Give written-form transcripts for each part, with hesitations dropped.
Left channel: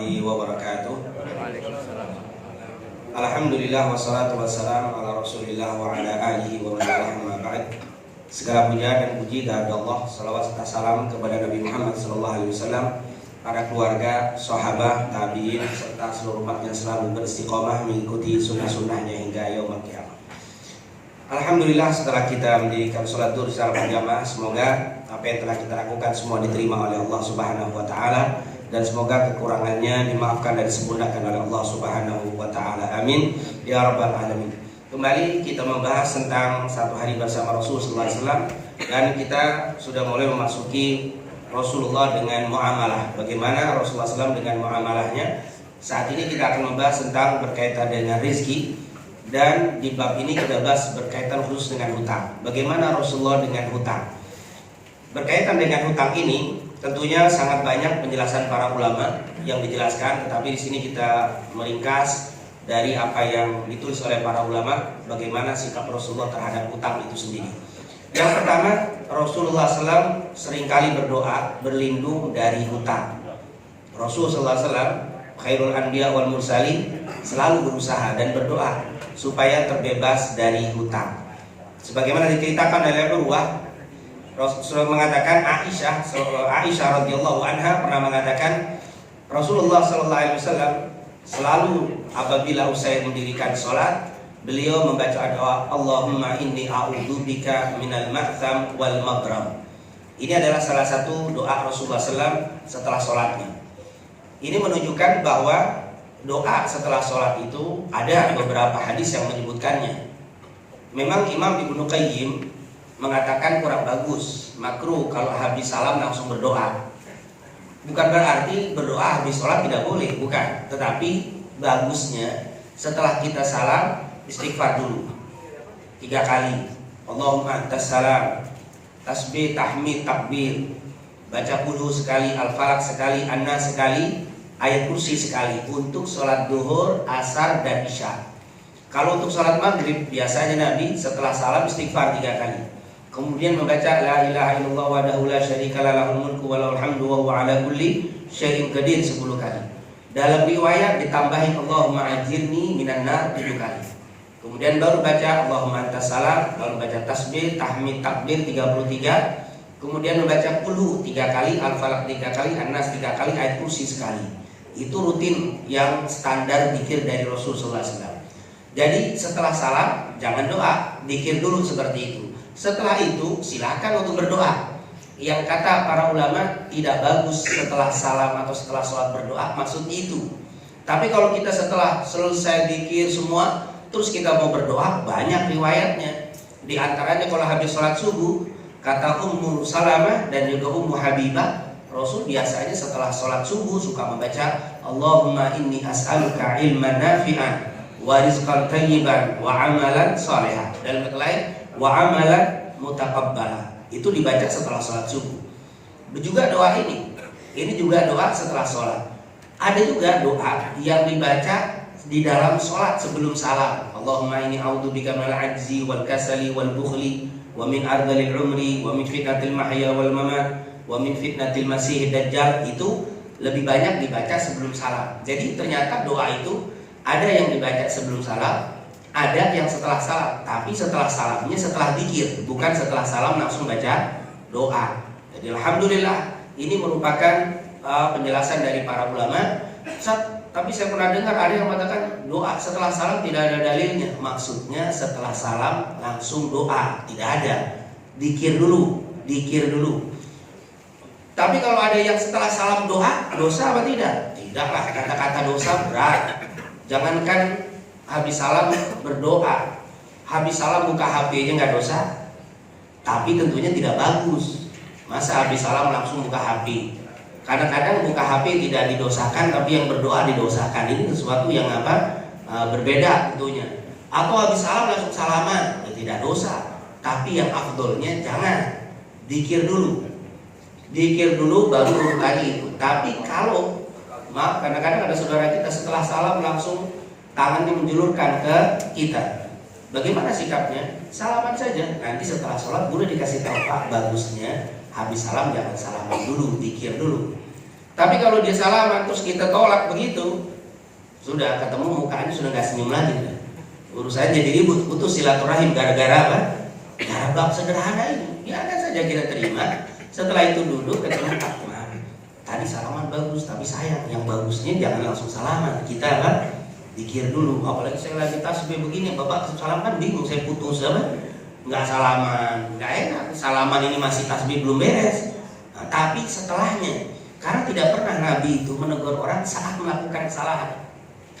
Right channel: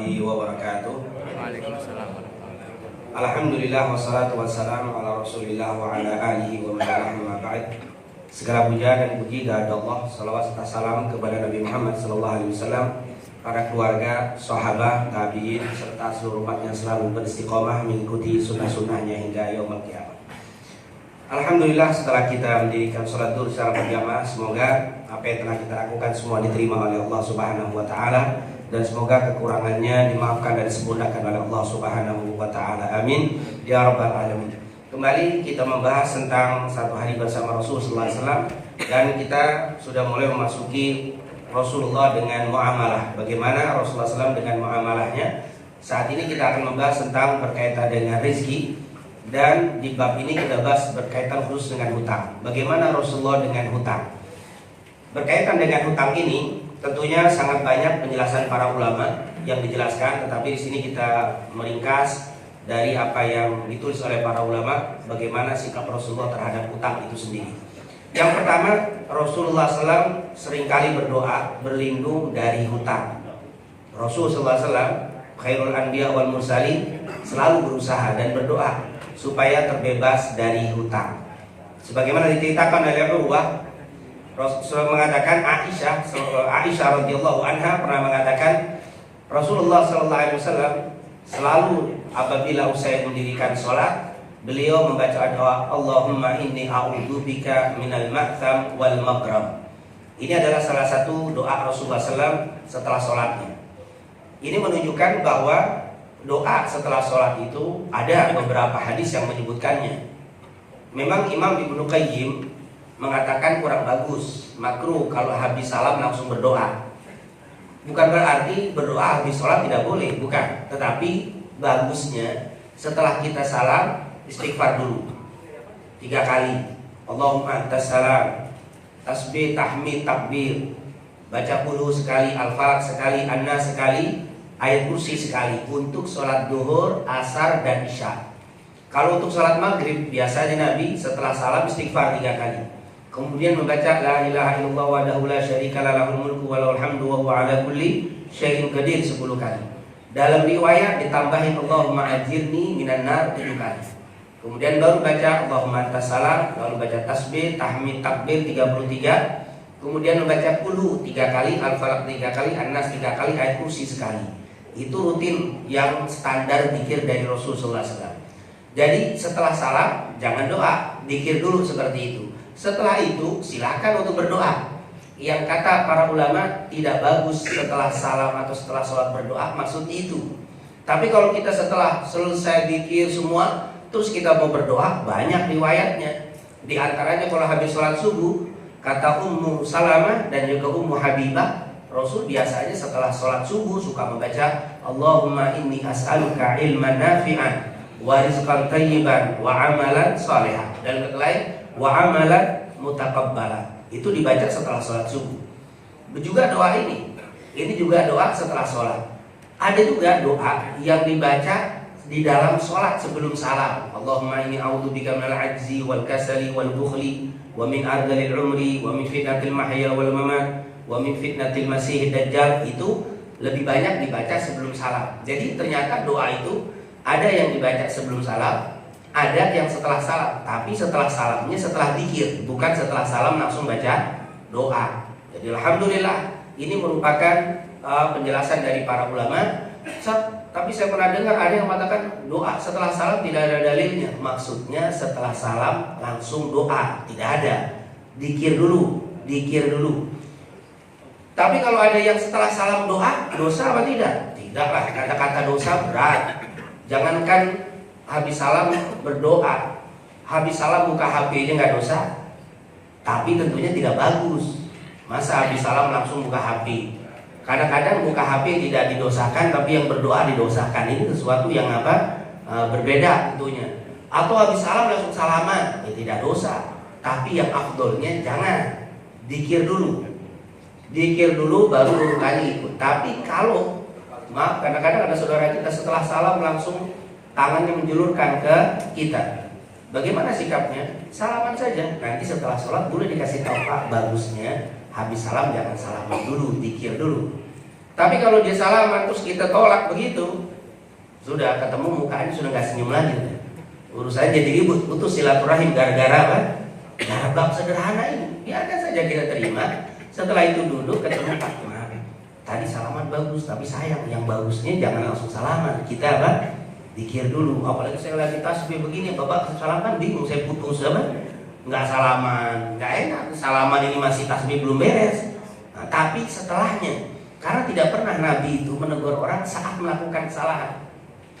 warahmatullahi wabarakatuh. Alhamdulillah wassalatu wassalamu ala Rasulillah wa ala alihi wa man walah amma ba'd. Segala puja dan puji kehadirat Allah, salawat serta salam kepada Nabi Muhammad sallallahu alaihi wasallam, para keluarga, sahabat, tabi'in serta seluruh umat yang selalu beristiqomah mengikuti sunnah-sunnahnya hingga yaumul qiyamah. Alhamdulillah, setelah kita mendirikan sholat zuhur secara berjamaah, semoga apa yang telah kita lakukan semua diterima oleh Allah Subhanahu wa taala dan semoga kekurangannya dimaafkan dan disempurnakan oleh Allah Subhanahu wa taala. Amin ya rabbal alamin. Kembali kita membahas tentang satu hari bersama Rasulullah SAW, dan kita sudah mulai memasuki Rasulullah dengan muamalah. Bagaimana Rasulullah SAW dengan muamalahnya? Saat ini kita akan membahas tentang berkaitan dengan rezeki, dan di bab ini kita bahas berkaitan khusus dengan hutang. Bagaimana Rasulullah dengan hutang? Berkaitan dengan hutang ini tentunya sangat banyak penjelasan para ulama yang dijelaskan, tetapi di sini kita meringkas dari apa yang ditulis oleh para ulama, bagaimana sikap Rasulullah terhadap hutang itu sendiri. Yang pertama, Rasulullah SAW seringkali berdoa berlindung dari hutang. Rasulullah SAW, khairul anbiya wal mursalin, selalu berusaha dan berdoa supaya terbebas dari hutang. Sebagaimana diceritakan oleh Urwah, Rasulullah mengatakan, Aisyah radhiyallahu anha pernah mengatakan, Rasulullah sallallahu alaihi wasallam selalu apabila usai mendirikan salat, beliau membaca doa, Allahumma inni a'udzubika minal ma'tham wal maghram. Ini adalah salah satu doa Rasulullah SAW setelah salatnya. Ini menunjukkan bahwa doa setelah sholat itu ada beberapa hadis yang menyebutkannya. Memang Imam Ibnu Qayyim mengatakan kurang bagus, makruh kalau habis salam langsung berdoa. Bukan berarti berdoa habis sholat tidak boleh, bukan. Tetapi bagusnya setelah kita salam istighfar dulu 3 kali. Allahumma antas salam, tasbih, tahmid, takbir, baca qul sekali, al-falaq sekali, an-nas sekali, ayat kursi sekali untuk sholat duhur, asar, dan isya. Kalau untuk sholat maghrib biasanya Nabi setelah salam istighfar 3 kali, kemudian membaca la ilaha illallah wahdahu la syarika lahu lahul mulku wa lahul hamdu wa huwa ala kulli syai'in qadir 10 kali. Dalam riwayat ditambahin Allahumma ajirni minan nar 7 kali. Kemudian baru baca Allahumma antas salam, lalu baca tasbih, tahmid, takbir 33. Kemudian membaca qul 3 kali, al-falaq 3 kali, an-nas 3 kali, ayat kursi sekali. Itu rutin yang standar zikir dari Rasulullah SAW. Jadi setelah salam jangan doa, zikir dulu seperti itu. Setelah itu silakan untuk berdoa. Yang kata para ulama tidak bagus setelah salam atau setelah sholat berdoa, maksudnya itu. Tapi kalau kita setelah selesai zikir semua terus kita mau berdoa, banyak riwayatnya. Di antaranya kalau habis sholat subuh, kata Ummu Salamah dan juga Ummu Habibah, Rasul biasanya setelah sholat subuh suka membaca Allahumma inni as'aluka ilman nafi'an wa rizqan thayyiban wa amalan shalihan, dan lain wa amalan mutaqabbala. Itu dibaca setelah sholat subuh. Juga doa ini juga doa setelah sholat. Ada juga doa yang dibaca di dalam sholat sebelum salam. Allahumma inni a'udzubika minal ajzi wal kasali wal bukhli wa min ardhil umri wa min fitnatil mahya wal mamat wa min fitnatil masih dajjal. Itu lebih banyak dibaca sebelum salam. Jadi ternyata doa itu ada yang dibaca sebelum salam, ada yang setelah salam. Tapi setelah salamnya setelah zikir, bukan setelah salam langsung baca doa. Jadi alhamdulillah ini merupakan penjelasan dari para ulama. Tapi saya pernah dengar ada yang mengatakan doa setelah salam tidak ada dalilnya. Maksudnya setelah salam langsung doa, tidak ada. Zikir dulu. Tapi kalau ada yang setelah salam doa, dosa apa tidak? Tidaklah, kata-kata dosa berat. Jangankan habis salam berdoa, habis salam buka HP aja nggak dosa. Tapi tentunya tidak bagus. Masa habis salam langsung buka HP? Kadang-kadang buka HP tidak didosakan, tapi yang berdoa didosakan. Ini sesuatu yang berbeda tentunya. Atau habis salam langsung salaman, ya tidak dosa. Tapi yang afdolnya jangan, zikir dulu baru urutannya itu. Tapi kalau kadang-kadang ada saudara kita setelah salam langsung tangannya menjulurkan ke kita, bagaimana sikapnya? Salaman saja. Nanti setelah sholat boleh dikasih tahu, Pak, bagusnya habis salam jangan salaman dulu, zikir dulu. Tapi kalau dia salaman terus kita tolak begitu, sudah ketemu mukanya sudah nggak senyum lagi. Urusannya jadi ribut, putus silaturahim gara-gara apa? Gara bab sederhana ini. Biarkan saja kita terima. Setelah itu duduk ketemu Pak Kumar. Tadi salaman bagus, tapi sayang yang bagusnya jangan langsung salaman. Kita apa? Dikir dulu. Apalagi saya lagi tasbih begini, bapak salaman bingung, saya putus apa? Nggak salaman, nggak enak. Salaman ini masih tasbih belum beres. Nah, tapi setelahnya, karena tidak pernah Nabi itu menegur orang saat melakukan kesalahan.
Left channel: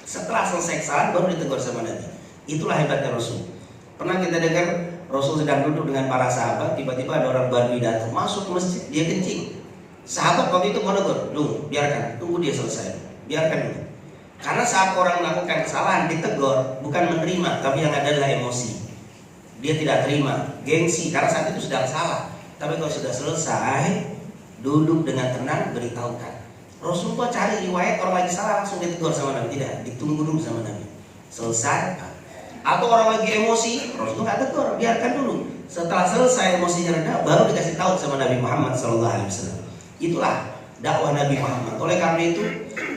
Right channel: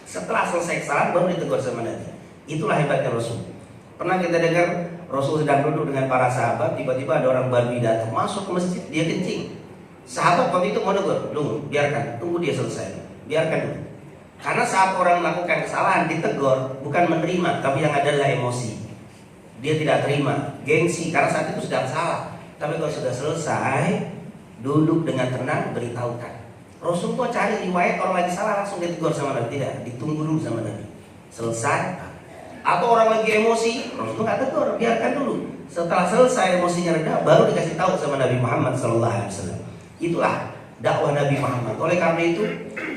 Setelah selesai kesalahan baru ditegur sama Nabi. Itulah hebatnya Rasul. Pernah kita dengar Rasul sedang duduk dengan para sahabat, tiba-tiba ada orang Badui datang masuk ke masjid, dia kencing. Sahabat waktu itu menegur, biarkan, tunggu dia selesai, biarkan itu. Karena saat orang melakukan kesalahan ditegur, bukan menerima, tapi yang adalah emosi. Dia tidak terima, gengsi, karena saat itu sedang salah. Tapi kalau sudah selesai, duduk dengan tenang, beritahukan. Rasulullah cari riwayat orang lagi salah langsung ditegur sama Nabi, tidak, ditunggu dulu sama Nabi. Selesai. Atau orang lagi emosi, Rasulullah nggak tegur, biarkan dulu. Setelah selesai emosinya reda, baru dikasih tahu sama Nabi Muhammad SAW. Itulah dakwah Nabi Muhammad. Oleh karena itu,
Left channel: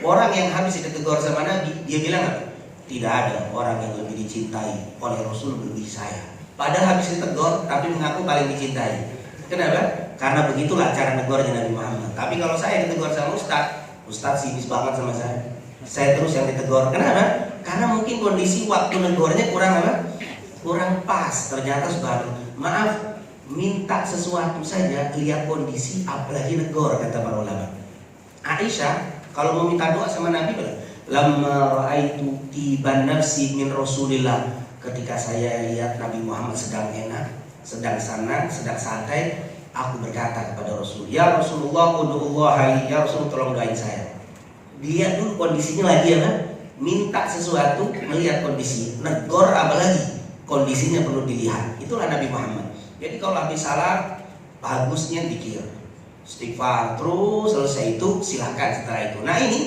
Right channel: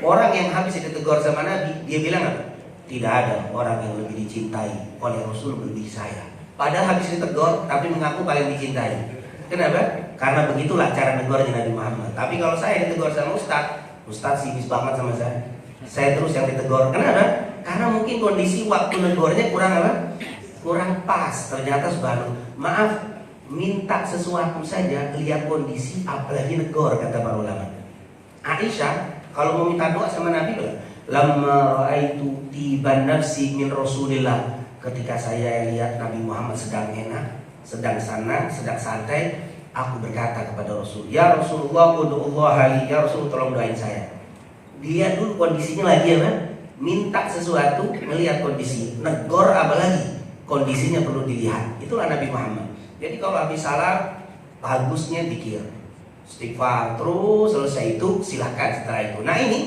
orang yang habis ditegur sama Nabi, dia bilang apa? Tidak ada orang yang lebih dicintai oleh Rasul lebih saya. Padahal habis ditegur, tapi mengaku paling dicintai. Kenapa? Karena begitulah cara negornya Nabi Muhammad. Tapi kalau saya ditegur sama Ustadz sinis banget sama saya terus yang ditegur. Kenapa? Karena mungkin kondisi waktu negornya kurang apa? Kurang pas. Ternyata subhanallah, maaf, minta sesuatu saja lihat kondisi, apalagi negor, kata para ulama. Aisyah kalau mau minta doa sama Nabi bilang, lamma ra'aitu tiban nafsi min Rasulillah. Ketika saya lihat Nabi Muhammad sedang enak, sedang senang, sedang santai, aku berkata kepada Rasul, ya Rasulullah, ud'ullah li, ya Rasul tolong doain saya. Dia dulu kondisinya lagi apa? Minta sesuatu, melihat kondisi. Negor apalagi, kondisinya perlu dilihat. Itulah Nabi Muhammad. Jadi kalau habis salam, bagusnya pikir, istighfar, terus selesai itu silahkan setelah itu. Nah ini,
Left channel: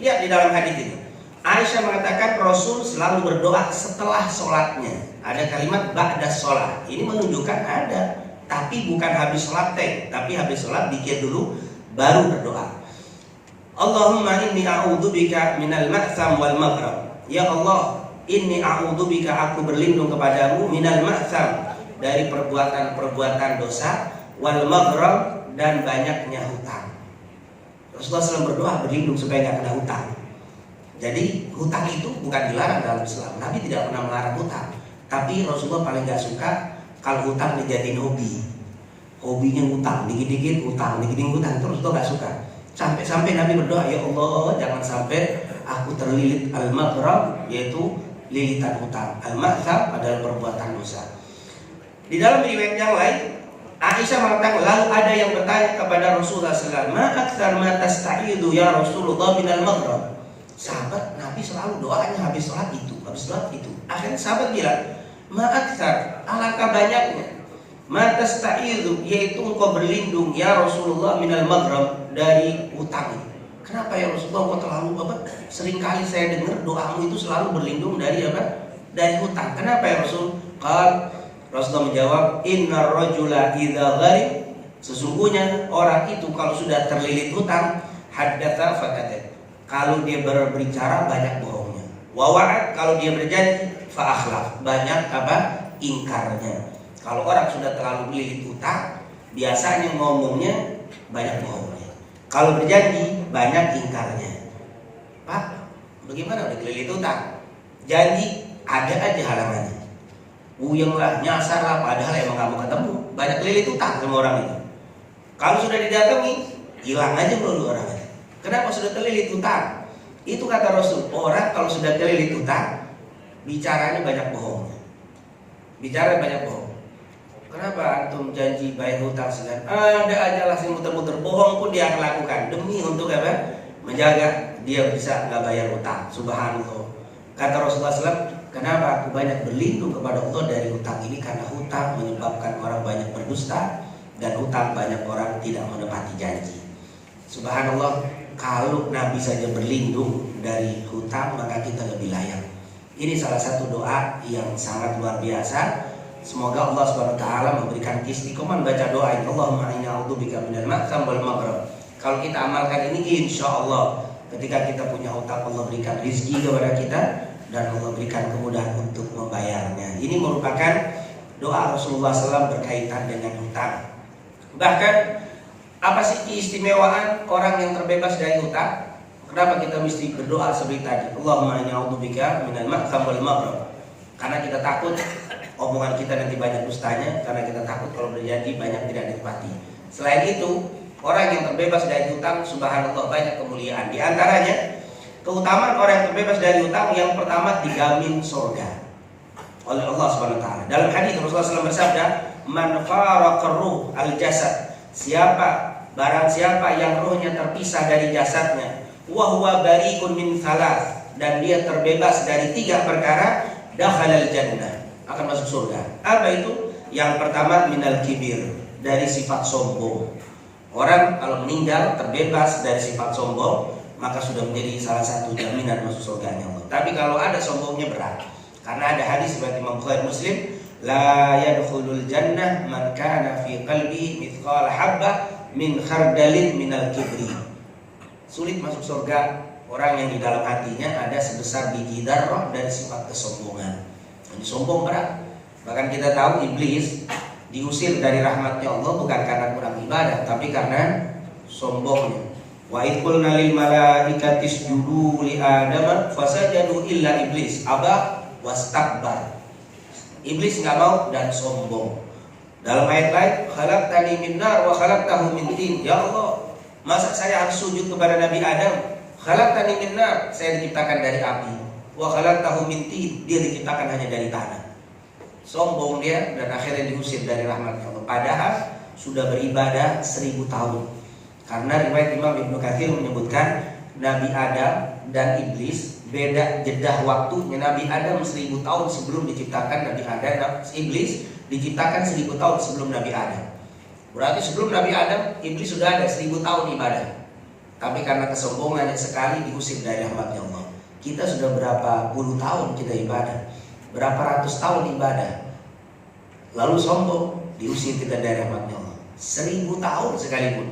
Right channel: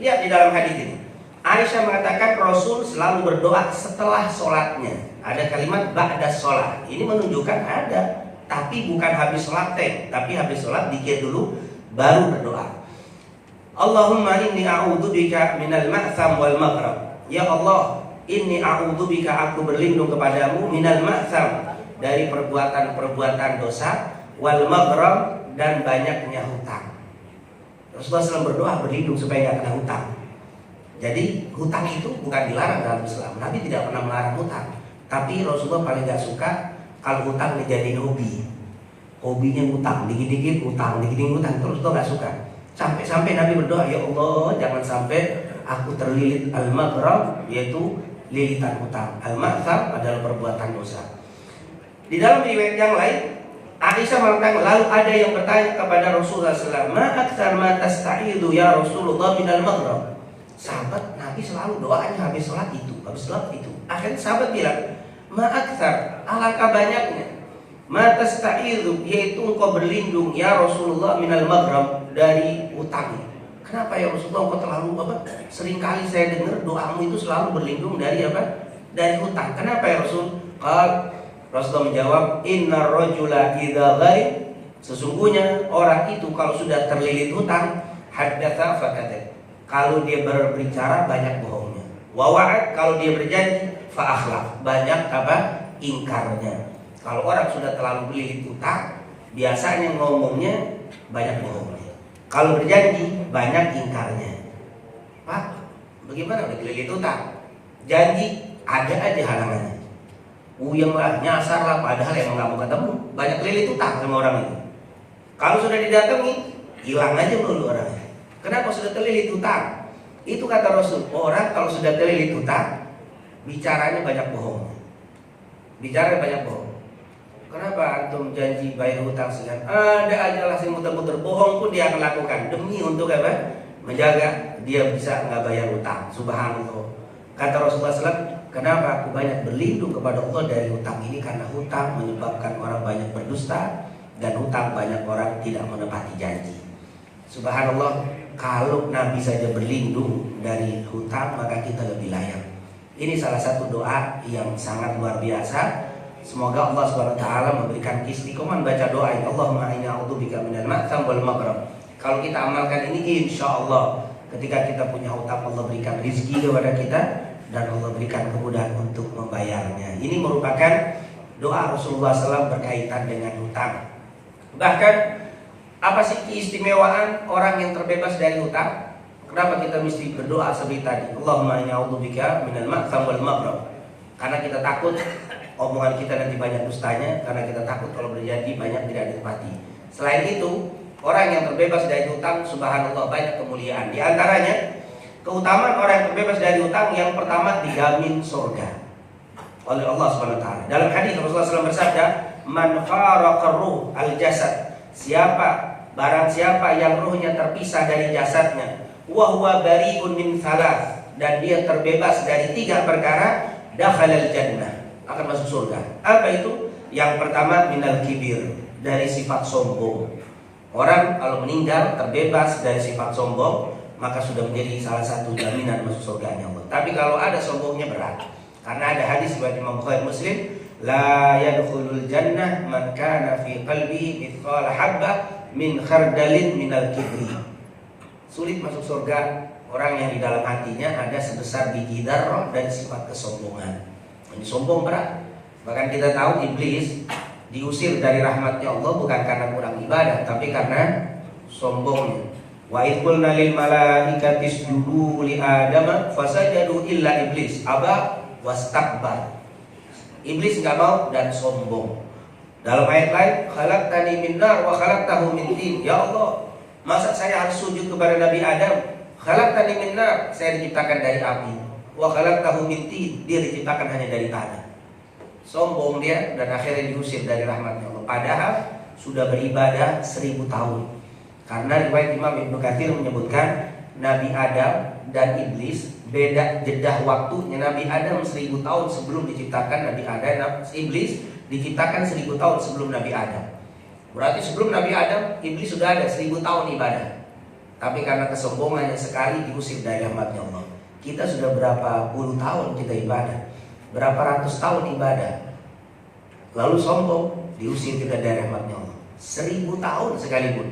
lihat di dalam hadis ini. Aisyah mengatakan Rasul selalu berdoa setelah sholatnya. Ada kalimat ba'da sholat. Ini menunjukkan ada, tapi bukan habis sholat tapi habis sholat dikir dulu baru berdoa. Allahumma inni a'udzubika minal ma'tham wal maghrib. Ya Allah, inni a'udzubika, aku berlindung kepadamu minal ma'tham, dari perbuatan-perbuatan dosa, wal maghrib, dan banyaknya hutang. Rasulullah SAW berdoa berlindung supaya tidak kena hutang. Jadi hutang itu bukan dilarang dalam Islam. Nabi tidak pernah melarang hutang. Tapi Rasulullah paling gak suka kalau hutang dijadiin hobi. Hobinya hutang, dikit-dikit hutang, dikit-dikit hutang. Terus Rasulullah gak suka. Sampai-sampai Nabi berdoa, ya Allah, jangan sampai aku terlilit al-maghrib, yaitu lilitan hutang. Al-maghrib adalah perbuatan dosa. Di dalam riwayat yang lain, Aisyah mengatakan, lalu ada yang bertanya kepada Rasulullah SAW, ma aktsar ma tasta'idu ya Rasulullah minal maghrib. Sahabat Nabi selalu doanya habis sholat itu, habis sholat itu. Akhirnya sahabat bilang, ma aktsar, alangkah banyaknya, ma tasta'idu, yaitu engkau berlindung ya Rasulullah minal maghrib, dari utang. Kenapa ya Rasulullah, engkau terlalu apa? Seringkali saya dengar doamu itu selalu berlindung dari apa? Dari hutang. Kenapa ya Rasul? Rasulullah menjawab, innar rajula idza gharib, sesungguhnya orang itu kalau sudah terlilit hutang, haddatsa fakadzab, kalau dia berbicara banyak bohongnya. Wa wa'ad, kalau dia berjanji, fa akhlaf, banyak apa? Ingkarnya. Kalau orang sudah terlalu terlilit hutang, biasanya ngomongnya banyak bohongnya. Kalau berjanji banyak ingkarnya. Pak, bagaimana udah terlilit hutang? Janji ada aja halangannya. Uyang lah, nyasar lah, padahal emang gak mau ketemu. Banyak kelilit utang sama orang itu. Kalau sudah didatangi, hilang aja melulu orang itu. Kenapa sudah terlilit utang? Itu kata Rasul, orang kalau sudah terlilit utang, bicaranya banyak bohong. Bicara banyak bohong. Kenapa antum janji bayar hutang sedang ada aja lah yang muter-muter, bohong pun dia akan lakukan demi untuk apa? Menjaga dia bisa nggak bayar hutang. Subhanallah. Kata Rasulullah SAW, kenapa aku banyak berlindung kepada Allah dari hutang ini? Karena hutang menyebabkan orang banyak berdusta, dan hutang banyak orang tidak menepati janji. Subhanallah, kalau Nabi saja berlindung dari hutang, maka kita lebih layak. Ini salah satu doa yang sangat luar biasa. Semoga Allah SWT memberikan istiqomah baca doa ini. Allahumma inni a'udzubika minal ma'tham wal maghrib. Kalau kita amalkan ini, insya Allah ketika kita punya hutang, Allah berikan rezeki kepada kita dan Allah berikan kemudahan untuk membayarnya. Ini merupakan doa Rasulullah SAW berkaitan dengan hutang. Bahkan apa sih keistimewaan orang yang terbebas dari hutang? Kenapa kita mesti berdoa seperti tadi? Allahumma inni a'udzubika minal ma'tham wal maghrib. Karena kita takut omongan kita nanti banyak dustanya, karena kita takut kalau berjanji banyak tidak ditepati. Selain itu, orang yang terbebas dari hutang, subhanallah, banyak kemuliaan. Di antaranya keutamaan orang yang terbebas dari hutang, yang pertama dijamin surga oleh Allah Subhanahu wa taala. Dalam hadis Rasulullah SAW bersabda, "Man faraqar ruh al-jasad." Barang siapa yang ruhnya terpisah dari jasadnya, wa huwa bari'un min thalath, dan dia terbebas dari 3 perkara, dakhalal jannah, akan masuk surga. Apa itu? Yang pertama, minal kibir, dari sifat sombong. Orang kalau meninggal terbebas dari sifat sombong, maka sudah menjadi salah satu jaminan masuk surganya Allah. Tapi kalau ada sombongnya berat. Karena ada hadis seperti Imam Bukhari Muslim, la yadkhulul jannah man kana fi qalbi mithqala habbah min khardalin minal kibri. Sulit masuk surga orang yang di dalam hatinya ada sebesar biji dzarrah dari sifat kesombongan. Jadi sombong berat. Bahkan kita tahu iblis diusir dari rahmatnya Allah bukan karena kurang ibadah, tapi karena sombongnya. Wa idh qulna lil malaikati isjudu li adama fasajadu illa iblis aba wastakbar. Iblis nggak mau dan sombong. Dalam ayat lain, khalaqtani min nar wa khalaqtahu min tin. Ya Allah, masa saya harus sujud kepada Nabi Adam? Khalaqtani min nar, saya diciptakan dari api. Wa khalaqtahu min tin, dia diciptakan hanya dari tanah. Sombong dia dan akhirnya diusir dari rahmatnya Allah. Padahal sudah beribadah 1000 tahun. Karena riwayat Imam Ibnu Katsir menyebutkan Nabi Adam dan iblis beda jedah waktunya. Nabi Adam 1000 tahun sebelum diciptakan Nabi Adam. Iblis diciptakan 1000 tahun sebelum Nabi Adam. Berarti sebelum Nabi Adam, iblis sudah ada 1000 tahun ibadah. Tapi karena kesombongannya sekali diusir dari rahmatnya Allah. Kita sudah berapa puluh tahun kita ibadah, berapa ratus tahun ibadah, lalu sombong, diusir kita dari rahmatnya Allah. 1000 tahun sekalipun.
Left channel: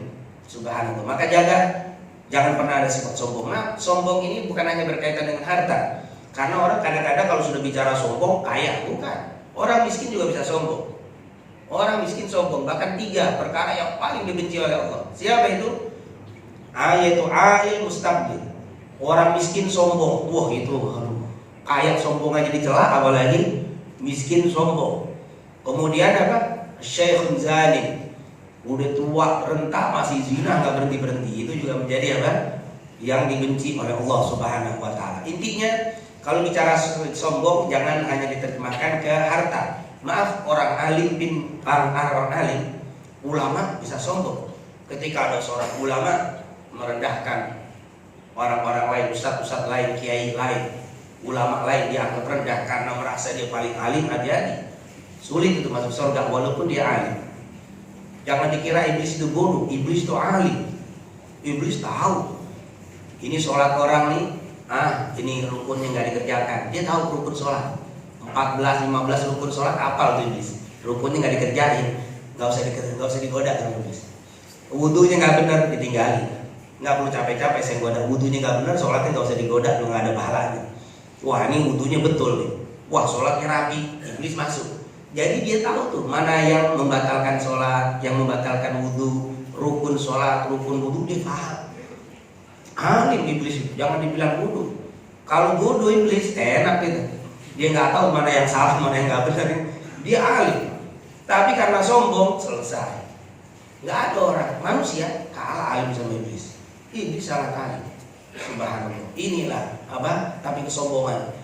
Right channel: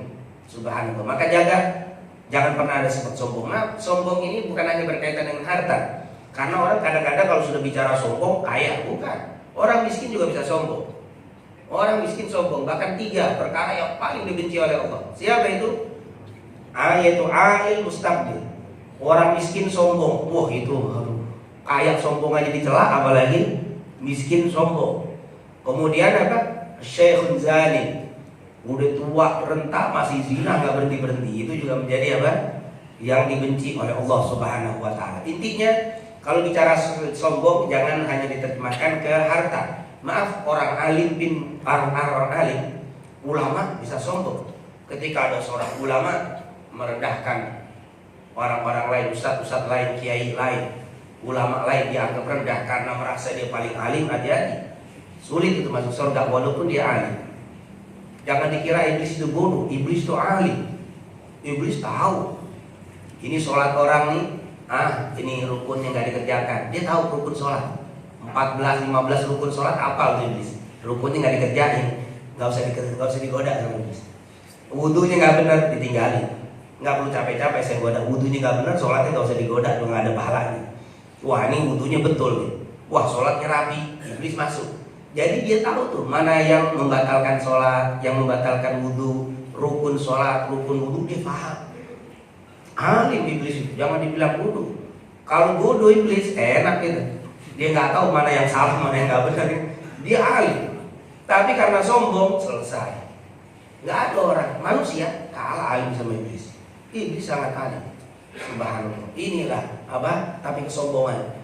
Subhanallah. Maka jangan pernah ada sifat sombong. Nah, sombong ini bukan hanya berkaitan dengan harta. Karena orang kadang-kadang kalau sudah bicara sombong, kaya, bukan. Orang miskin juga bisa sombong. Orang miskin sombong. Bahkan 3 perkara yang paling dibenci oleh Allah. Siapa itu? Yaitu ail mustabdil. Orang miskin sombong. Wah, itu kaya sombong aja dicela, apalagi miskin sombong. Kemudian apa? Syekhun zalim. Udah tua, renta, masih zina, gak berhenti-berhenti. Itu juga menjadi apa? Yang dibenci oleh Allah Subhanahu wa taala. Intinya, kalau bicara sombong jangan hanya diterjemahkan ke harta. Maaf, orang alim orang alim, ulama bisa sombong. Ketika ada seorang ulama merendahkan orang-orang lain, ustaz-ustaz lain, kiai lain, ulama lain, dianggap rendah karena merasa dia paling alim, hati-hati. Sulit itu masuk surga walaupun dia alim. Jangan dikira iblis itu bodoh, iblis itu alim. Iblis tahu ini sholat orang nih, ini rukunnya nggak dikerjakan. Dia tahu rukun sholat 14-15 rukun sholat, apal tuh iblis. Rukunnya nggak dikerjain, nggak usah digoda sama iblis. Wudunya nggak benar, ditinggalin. Nggak perlu capek-capek saya goda. Wudunya nggak benar, sholatnya nggak usah digoda, nggak ada pahalanya. Wah, ini wudunya betul nih. Wah, sholatnya rapi, iblis masuk. Jadi dia tahu tuh mana yang membatalkan sholat, yang membatalkan wudu, rukun sholat, rukun wudu, dia paham. Alim iblis itu, jangan dibilang bodoh. Kalau bodoh iblis enak gitu. Dia nggak tahu mana yang salah, mana yang nggak benar. Dia alim. Tapi karena sombong selesai. Nggak ada orang manusia kalah alim sama iblis. Iblis sangat alim. Subhanallah. Inilah apa? Tapi kesombongan.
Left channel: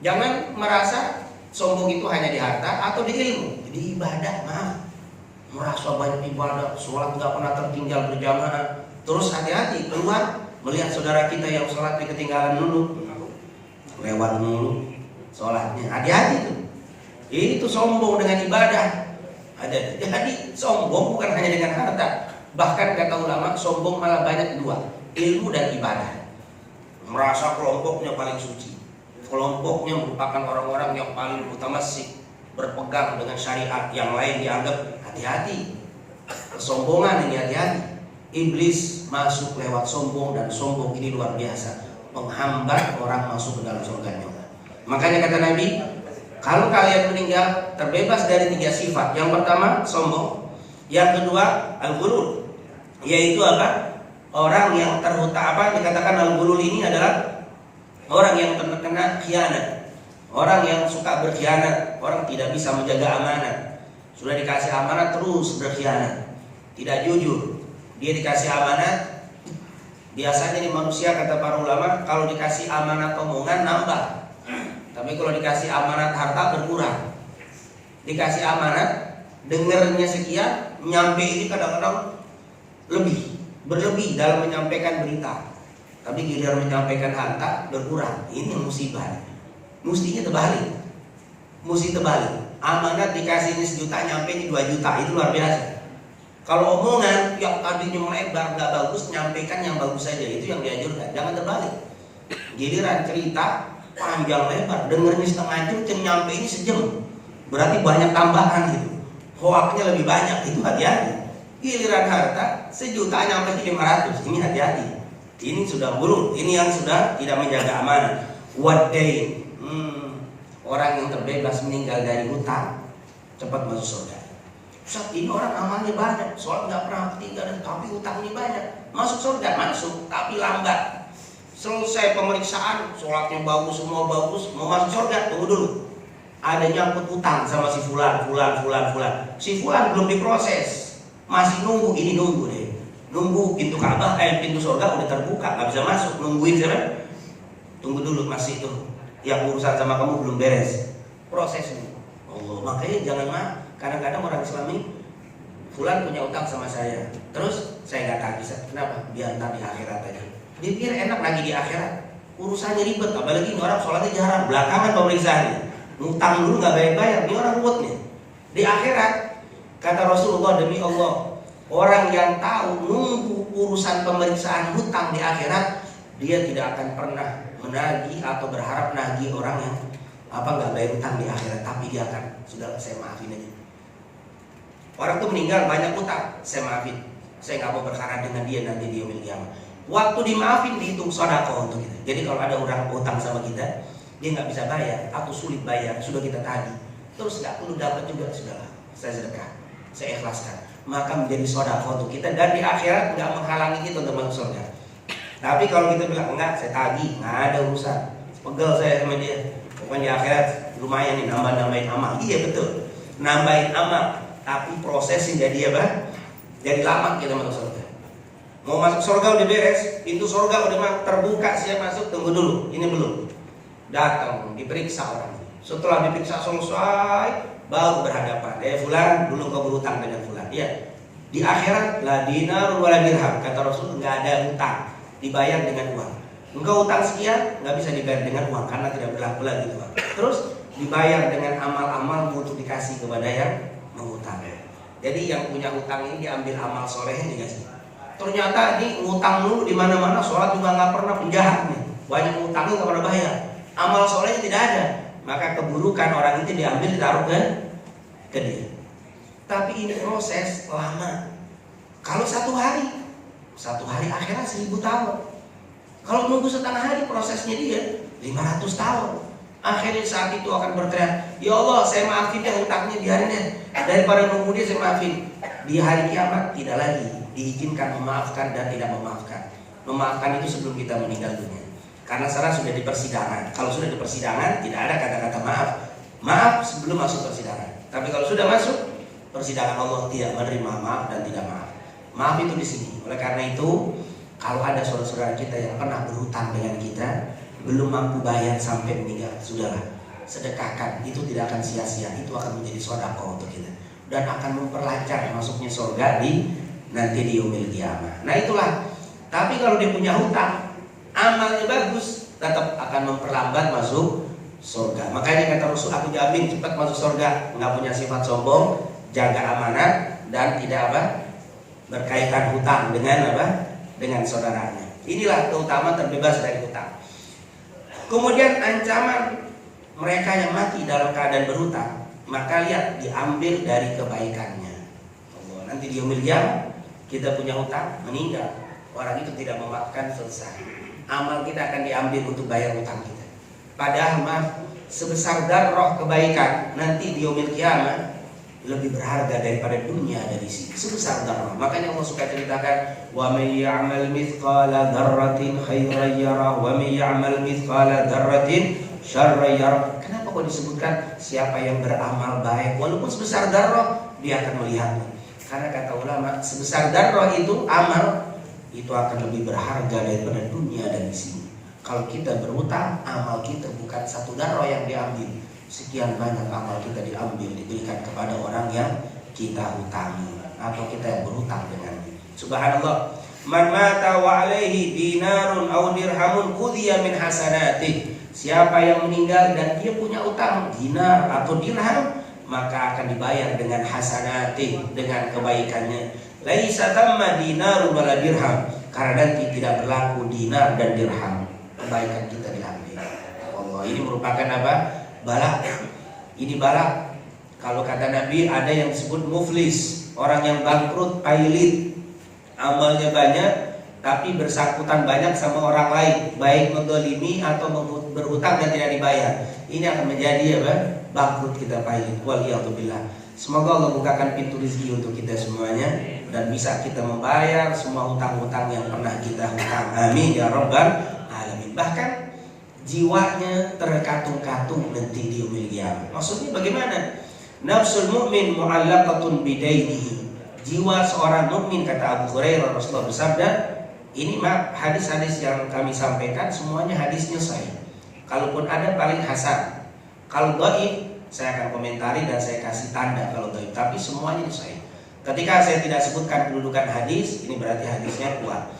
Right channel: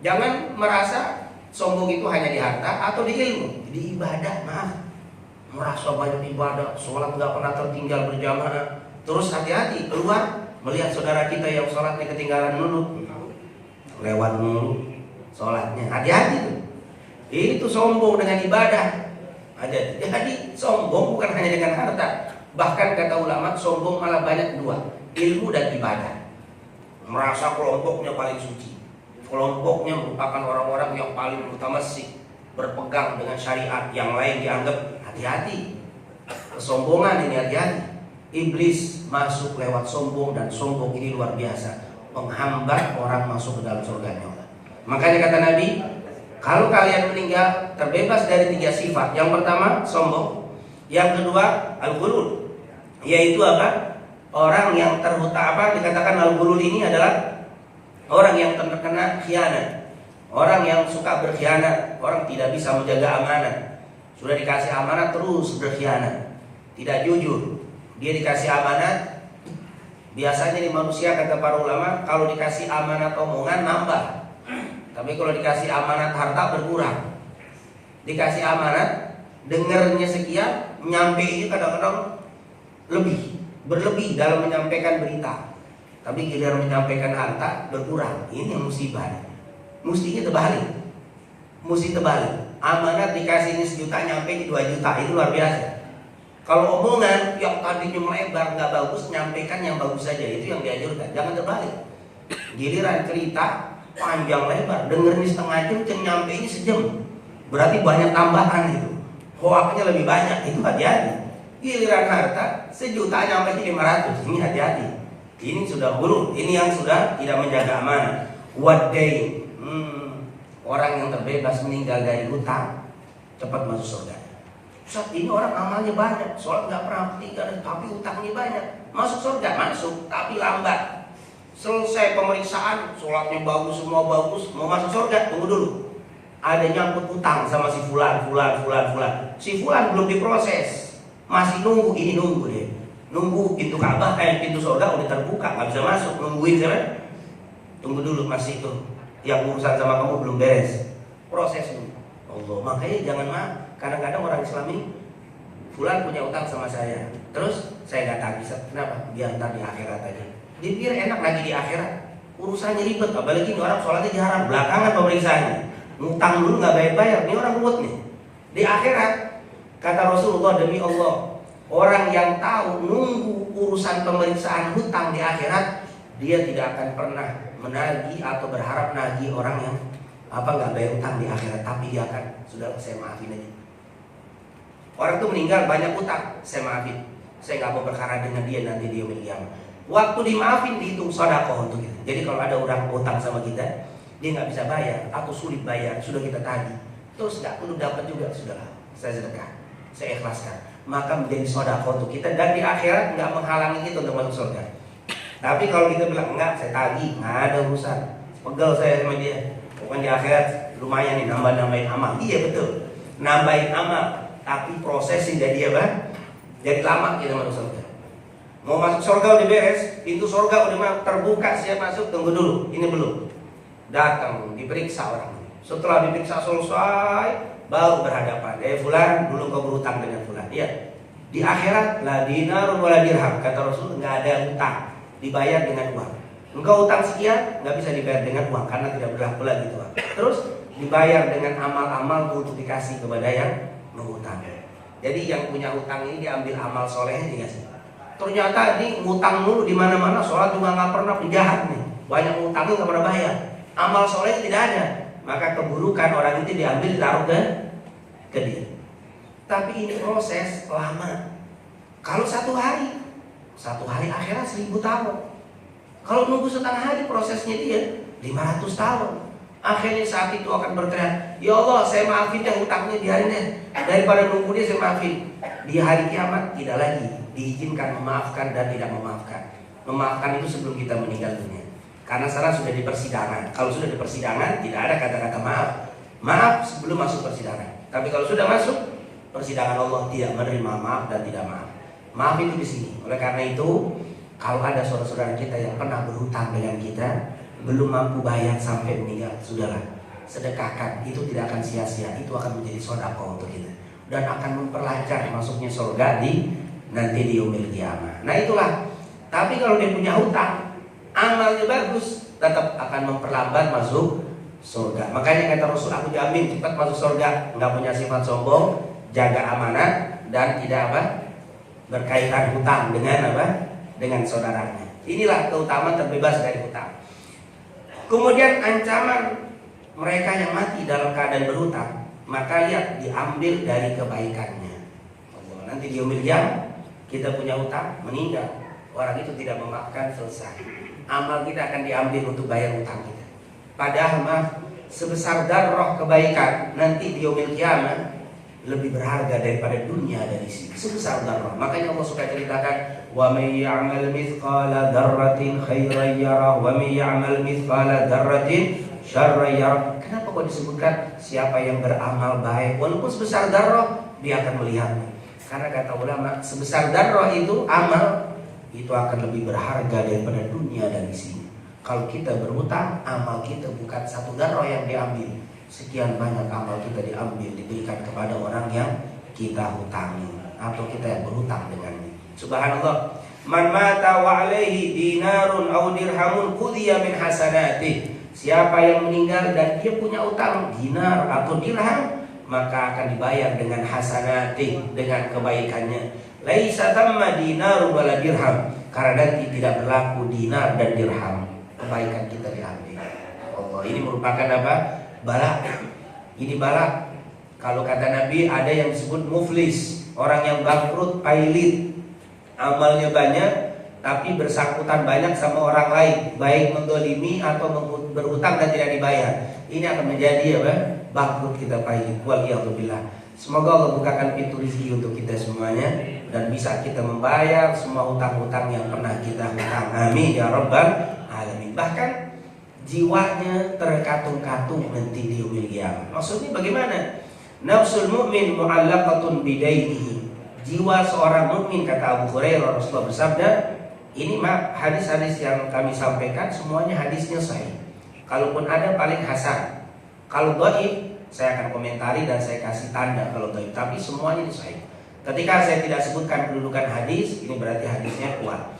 Jangan merasa sombong itu hanya di harta atau di ilmu. Jadi ibadah, merasa banyak ibadah, sholat nggak pernah tertinggal berjamaah. Terus hati-hati keluar melihat saudara kita yang sholatnya ketinggalan dulu, lewat dulu sholatnya. Hati-hati tuh. Itu sombong dengan ibadah. Jadi sombong bukan hanya dengan harta. Bahkan kata ulama, sombong malah banyak 2, ilmu dan ibadah. Merasa kelompoknya paling suci. Kelompoknya merupakan orang-orang yang paling mutamassik, berpegang dengan syariat, yang lain dianggap hati-hati. Kesombongan ini hati-hati. iblis masuk lewat sombong, dan sombong ini luar biasa, menghambat orang masuk ke dalam surganya. Makanya kata Nabi, kalau kalian meninggal terbebas dari 3 sifat. Yang pertama sombong, yang kedua al-ghulul, yaitu apa? Orang yang dikatakan al-ghulul ini adalah orang yang terkena khianat, orang yang suka berkhianat, orang tidak bisa menjaga amanah. Sudah dikasih amanat terus berkhianat, tidak jujur. Dia dikasih amanat, biasanya nih manusia kata para ulama, kalau dikasih amanat omongan nambah, tapi kalau dikasih amanat harta berkurang. Dikasih amanat, dengarnya sekian, nyampe ini kadang-kadang berlebih dalam menyampaikan berita, tapi giliran menyampaikan harta berkurang. Ini yang musibah. Mesti terbalik. Amanat dikasih ini 1 juta, nyampe ini 2 juta, itu luar biasa. Kalau omongan yang tadinya melebar nggak bagus, nyampaikan yang bagus saja, itu yang dianjurkan. Jangan terbalik. Giliran cerita panjang lebar, dengernya setengah jam, nyampe ini sejam, berarti banyak tambahan itu. Hoaknya lebih banyak, itu hati-hati. Giliran harta 1 juta nyampe 500, ini hati-hati. Ini sudah buruk, ini yang sudah tidak menjaga amanah. Wadai, orang yang terbebas meninggal dari hutang, cepat masuk surga. Ustaz, ini orang amalnya banyak, sholat nggak pernah ketinggalan, tapi hutangnya banyak. Masuk surga, masuk, tapi lambat. Selesai pemeriksaan, sholatnya bagus, semua bagus, mau masuk surga, tunggu dulu. Ada nyangkut hutang sama si fulan. Si fulan belum diproses, masih nunggu, ini nunggu deh. Nunggu pintu Ka'bah, pintu surga udah terbuka, nggak bisa masuk, nungguin sana. Tunggu dulu, masih itu. Yang urusan sama kamu belum beres, prosesnya. Allah, makanya jangan kadang-kadang orang Islam ini, fulan punya utang sama saya, terus saya nggak bisa. Kenapa? Biar ntar di akhirat aja. Dia biar enak lagi di akhirat. Urusannya ribet, apalagi ini orang sholatnya jarang, belakangan pemeriksaannya. Ngutang dulu nggak bayar-bayar, ini orang ruwet nih. Di akhirat, kata Rasulullah, demi Allah, orang yang tahu nunggu urusan pemeriksaan hutang di akhirat, dia tidak akan pernah menagih atau berharap nagih orang yang nggak bayar hutang di akhirat, tapi dia akan, sudah saya maafin aja. Orang itu meninggal banyak hutang, saya maafin, saya nggak mau berharap dengan dia nanti dia meninggal. Waktu dimaafin dihitung sedekah untuk kita. Jadi kalau ada orang hutang sama kita, dia nggak bisa bayar atau sulit bayar, sudah kita tagih, terus nggak perlu dapat juga, sudahlah saya sedekah, saya ikhlaskan, maka menjadi sedekah untuk kita, dan di akhirat nggak menghalangi kita untuk masuk surga. Tapi kalau kita bilang enggak, saya tagih, nggak ada urusan, pegel saya sama dia, bukan di akhirat lumayan nih nambahin amal. Iya betul, nambahin amal, tapi prosesnya jadi apa? Jadi lama kita masuk surga. Mau masuk surga udah beres, pintu surga udah terbuka, siap masuk, tunggu dulu, ini belum. Datang, diperiksa orang ini. Setelah diperiksa selesai, baru berhadapan. Fulan, belum kau berhutang dengan fulan. Iya. Di akhirat, la dinar wala dirham, kata Rasul, nggak ada hutang, dibayar dengan uang. Engkau hutang sekian, nggak bisa dibayar dengan uang karena tidak berlaku lagi itu. Terus dibayar dengan amal-amal untuk dikasih kepada yang menghutang. Jadi yang punya hutang ini diambil amal solehnya dikasih. Ternyata di ngutang mulu di mana-mana, sholat juga nggak pernah, penjahat nih, banyak ngutangnya nggak pernah bayar, amal solehnya tidak ada, maka keburukan orang itu diambil ditaruh ke dia. Tapi ini proses lama. Kalau satu hari akhirat 1000 tahun. Kalau nunggu setengah hari prosesnya dia 500 tahun. Akhirnya saat itu akan berteriak, ya Allah saya maafin ya hutangnya, biarin ya, daripada nunggu dia saya maafin. Di hari kiamat tidak lagi diizinkan memaafkan dan tidak memaafkan. Memaafkan itu sebelum kita meninggal dunia, karena sekarang sudah di persidangan. Kalau sudah di persidangan tidak ada kata-kata maaf sebelum masuk persidangan. Tapi kalau sudah masuk persidangan, Allah tidak menerima maaf dan tidak maaf. Maaf itu di sini. Oleh karena itu, kalau ada saudara-saudara kita yang pernah berhutang dengan kita, belum mampu bayar sampai meninggal, sudahlah, sedekahkan. Itu tidak akan sia-sia, itu akan menjadi sedekah untuk kita dan akan memperlancar masuknya surga nanti di yaumil qiyamah. Nah itulah. Tapi kalau dia punya hutang, amalnya bagus, tetap akan memperlambat masuk surga. Makanya kata Rasul, aku jamin cepat masuk surga. Nggak punya sifat sombong, jaga amanat, dan tidak berkaitan hutang dengan saudaranya. Inilah keutamaan terbebas dari hutang. Kemudian ancaman mereka yang mati dalam keadaan berhutang, maka lihat diambil dari kebaikannya. Nanti di yaumil qiyamah Kita punya hutang, meninggal, orang itu tidak memaafkan, selesai. Amal kita akan diambil untuk bayar hutang kita. Padahal mah sebesar darah kebaikan nanti di yaumil qiyamah lebih berharga daripada dunia ada di sini. Sebesar darah. Makanya Allah suka ceritakan, wa may ya'mal mithqala dzarratin khairan yarah wa may ya'mal mithqala dzarratin syarran yarah. Kenapa kok disebutkan siapa yang beramal baik walaupun sebesar darah dia akan melihatnya? Karena kata ulama, sebesar darah itu amal itu akan lebih berharga daripada dunia dan di sini. Kalau kita berhutang, amal kita bukan satu darah yang diambil, sekian banyak amal kita diambil, diberikan kepada orang yang kita hutangi atau kita yang berhutang dengannya. Subhanallah. Man mata wa alaihi dinarun aw dirhamun qudhiya min hasanatih. Siapa yang meninggal dan dia punya utang dinar atau dirham, maka akan dibayar dengan hasanatih, dengan kebaikannya. Laisa tamma dinarun wala dirham, karena nanti tidak berlaku dinar dan dirham. Kebaikan kita diambil. Allah, ini merupakan apa? Balak. Ini balak. Kalau kata Nabi ada yang disebut muflis, orang yang bangkrut, pailit, amalnya banyak tapi bersangkutan banyak sama orang lain, baik mendolimi atau berhutang dan tidak dibayar. Ini akan menjadi apa? Bangkrut kita, pailit. Waliyahzubillah. Semoga Allah bukakan pintu rezeki untuk kita semuanya dan bisa kita membayar semua hutang-hutang yang pernah kita hutang. Amin ya rabbal alamin. Bahkan jiwanya terkatung-katung nanti di yaumil qiyamah. Maksudnya bagaimana? Nafsul mu'min mu'allaqatun bidainihi. Jiwa seorang mukmin, kata Abu Hurairah, Rasulullah bersabda, ini hadis-hadis yang kami sampaikan semuanya hadisnya sahih. Kalaupun ada paling hasan. Kalau dhaif saya akan komentari dan saya kasih tanda kalau dhaif, tapi semuanya itu sahih. Ketika saya tidak sebutkan kedudukan hadis, ini berarti hadisnya kuat.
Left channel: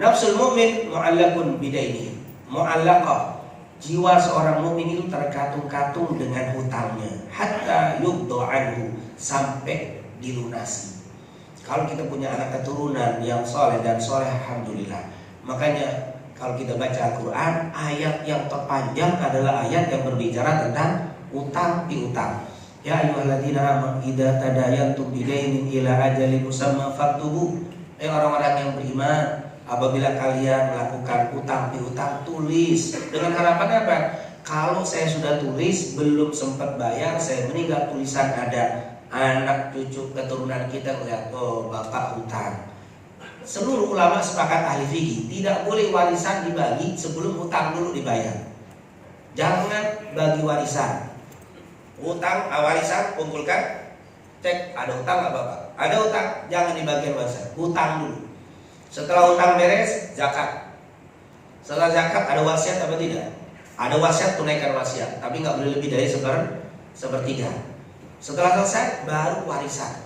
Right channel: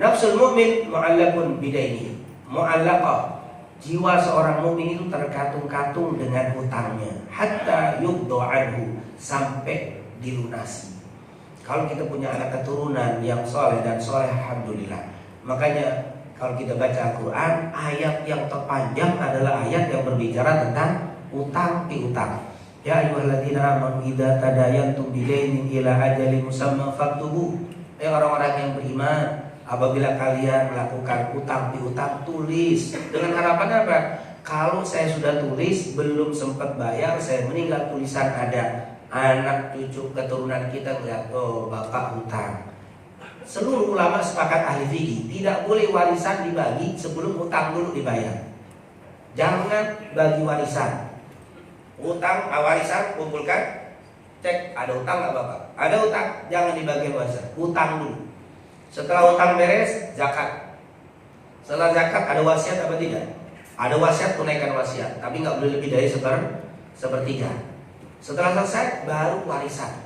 Nafsul mu'min mu'allaqun bidainihi. Mu'allaqah, jiwa seorang mukmin itu terkatung-katung dengan hutangnya, hatta yuddu anhu, sampai dilunasi. Kalau kita punya anak keturunan yang soleh dan soleh, alhamdulillah. Makanya kalau kita baca Al-Quran, ayat yang terpanjang adalah ayat yang berbicara tentang utang piutang. Ya ayyuhalladzina amanu idza tadayantum bidainin ila ajalin musamma faktubu. Orang-orang yang beriman, apabila kalian melakukan utang piutang, tulis. Dengan harapan apa? Kalau saya sudah tulis belum sempat bayar, saya meninggal, tulisan ada, anak cucu keturunan kita melihat, oh bapak hutang. Seluruh ulama sepakat, ahli fikih, tidak boleh warisan dibagi sebelum hutang dulu dibayar. Jangan bagi warisan. Hutang, warisan kumpulkan, cek ada hutang nggak bapak? Ada hutang, jangan dibagi warisan. Hutang dulu. Setelah hutang beres, zakat. Setelah zakat ada wasiat apa tidak? Ada wasiat, tunaikan wasiat, tapi nggak boleh lebih dari sepertiga. Setelah selesai baru warisan.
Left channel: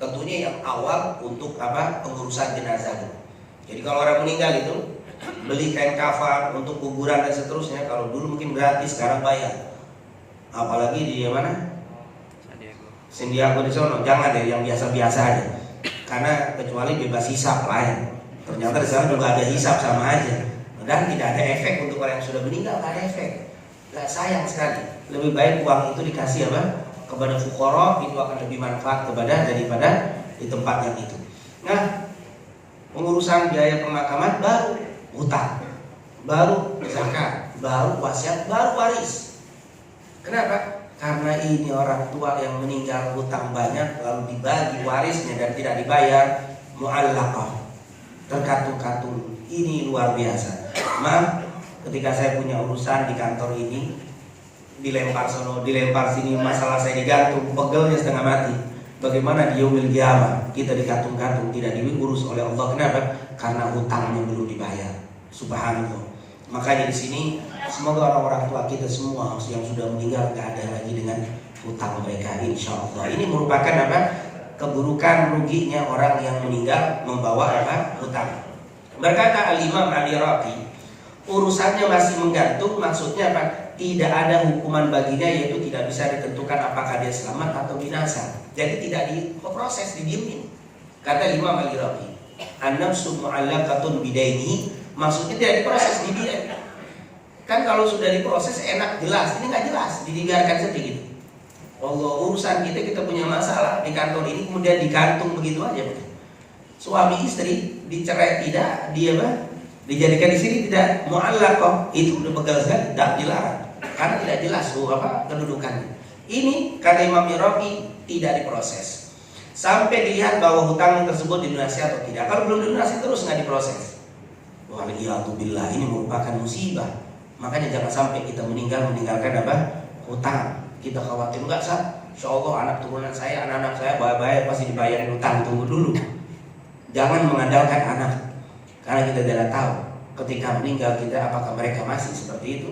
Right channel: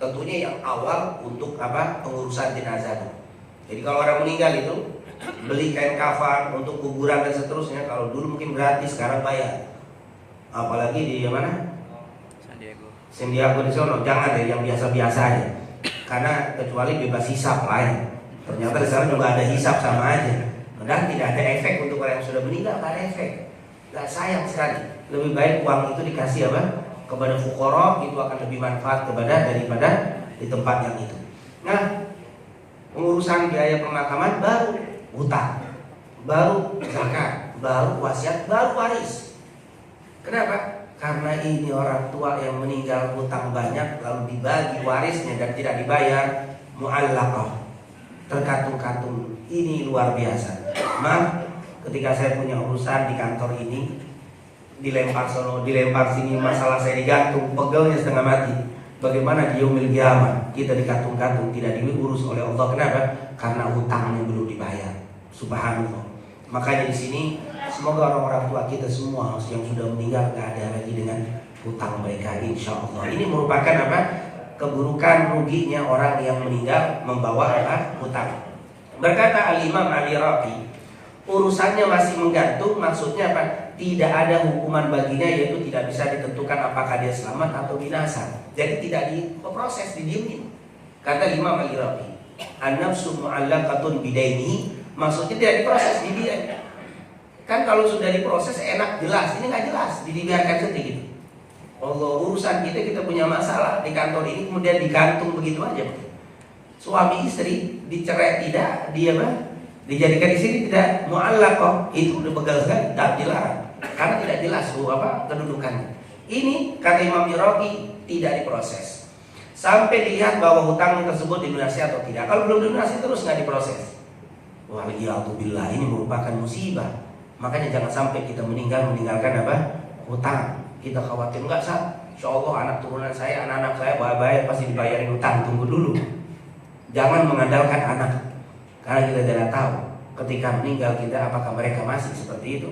Tentunya yang awal untuk apa? Pengurusan jenazah. Jadi kalau orang meninggal itu beli kain kafan untuk kuburan dan seterusnya. Kalau dulu mungkin gratis, sekarang bayar. Apalagi di mana? San Diego di sono. Jangan deh yang biasa-biasa aja. Karena kecuali bebas hisap lain. Ternyata di sana juga ada hisap sama aja. Dan tidak ada efek untuk orang yang sudah meninggal, tidak ada efek. Gak, sayang sekali. Lebih baik uang itu dikasih apa? Kepada fuqara, itu akan lebih manfaat daripada di tempat yang itu. Nah, pengurusan biaya pemakaman baru hutang, baru zakat, baru wasiat, baru waris. Kenapa? Karena ini orang tua yang meninggal hutang banyak, lalu dibagi warisnya dan tidak dibayar, mu'allaqah, terkatung-katung. Ini luar biasa. Maaf, ketika saya punya urusan di kantor ini, dilempar sono, dilempar sini, masalah saya digantung, pegelnya setengah mati. Bagaimana di yaumil qiyamah kita digantung-gantung, tidak diurus oleh Allah? Kenapa? Karena hutangnya belum dibayar. Subhanallah. Makanya di sini semoga orang-orang tua kita semua yang sudah meninggal gak ada lagi dengan hutang mereka, insya Allah. Ini merupakan apa? Keburukan, ruginya orang yang meninggal membawa apa? Hutang. Berkata Al-Imam Al-Iraqi, urusannya masih menggantung, maksudnya apa? Tidak ada hukuman baginya, yaitu tidak bisa ditentukan apakah dia selamat atau binasa. Jadi tidak diproses, didiemin. Kata Imam Al-Iraqi, an-nafsu mu'allaqatun bidaini, maksudnya tidak diproses, dibiarkan. Kan kalau sudah diproses enak, jelas. Ini nggak jelas, dibiarkan saja gitu. Allah, urusan kita punya masalah di kantor ini kemudian digantung begitu aja. Suami istri dicerai tidak, dia dijadikan di sini tidak mu'allaqah, itu udah pegal sekali, tidak dilarang karena tidak jelas kedudukannya. Ini kata Imam Iraqi tidak diproses sampai dilihat bahwa hutang tersebut dilunasi atau tidak. Kalau belum dilunasi terus nggak diproses. Waliyahzubillah, ini merupakan musibah. Makanya jangan sampai kita meninggalkan hutang. Kita khawatir enggak insya Allah anak turunan saya, anak-anak saya bahaya pasti dibayarin hutang. Tunggu dulu. Jangan mengandalkan anak, karena kita tidak tahu ketika meninggal kita apakah mereka masih seperti itu.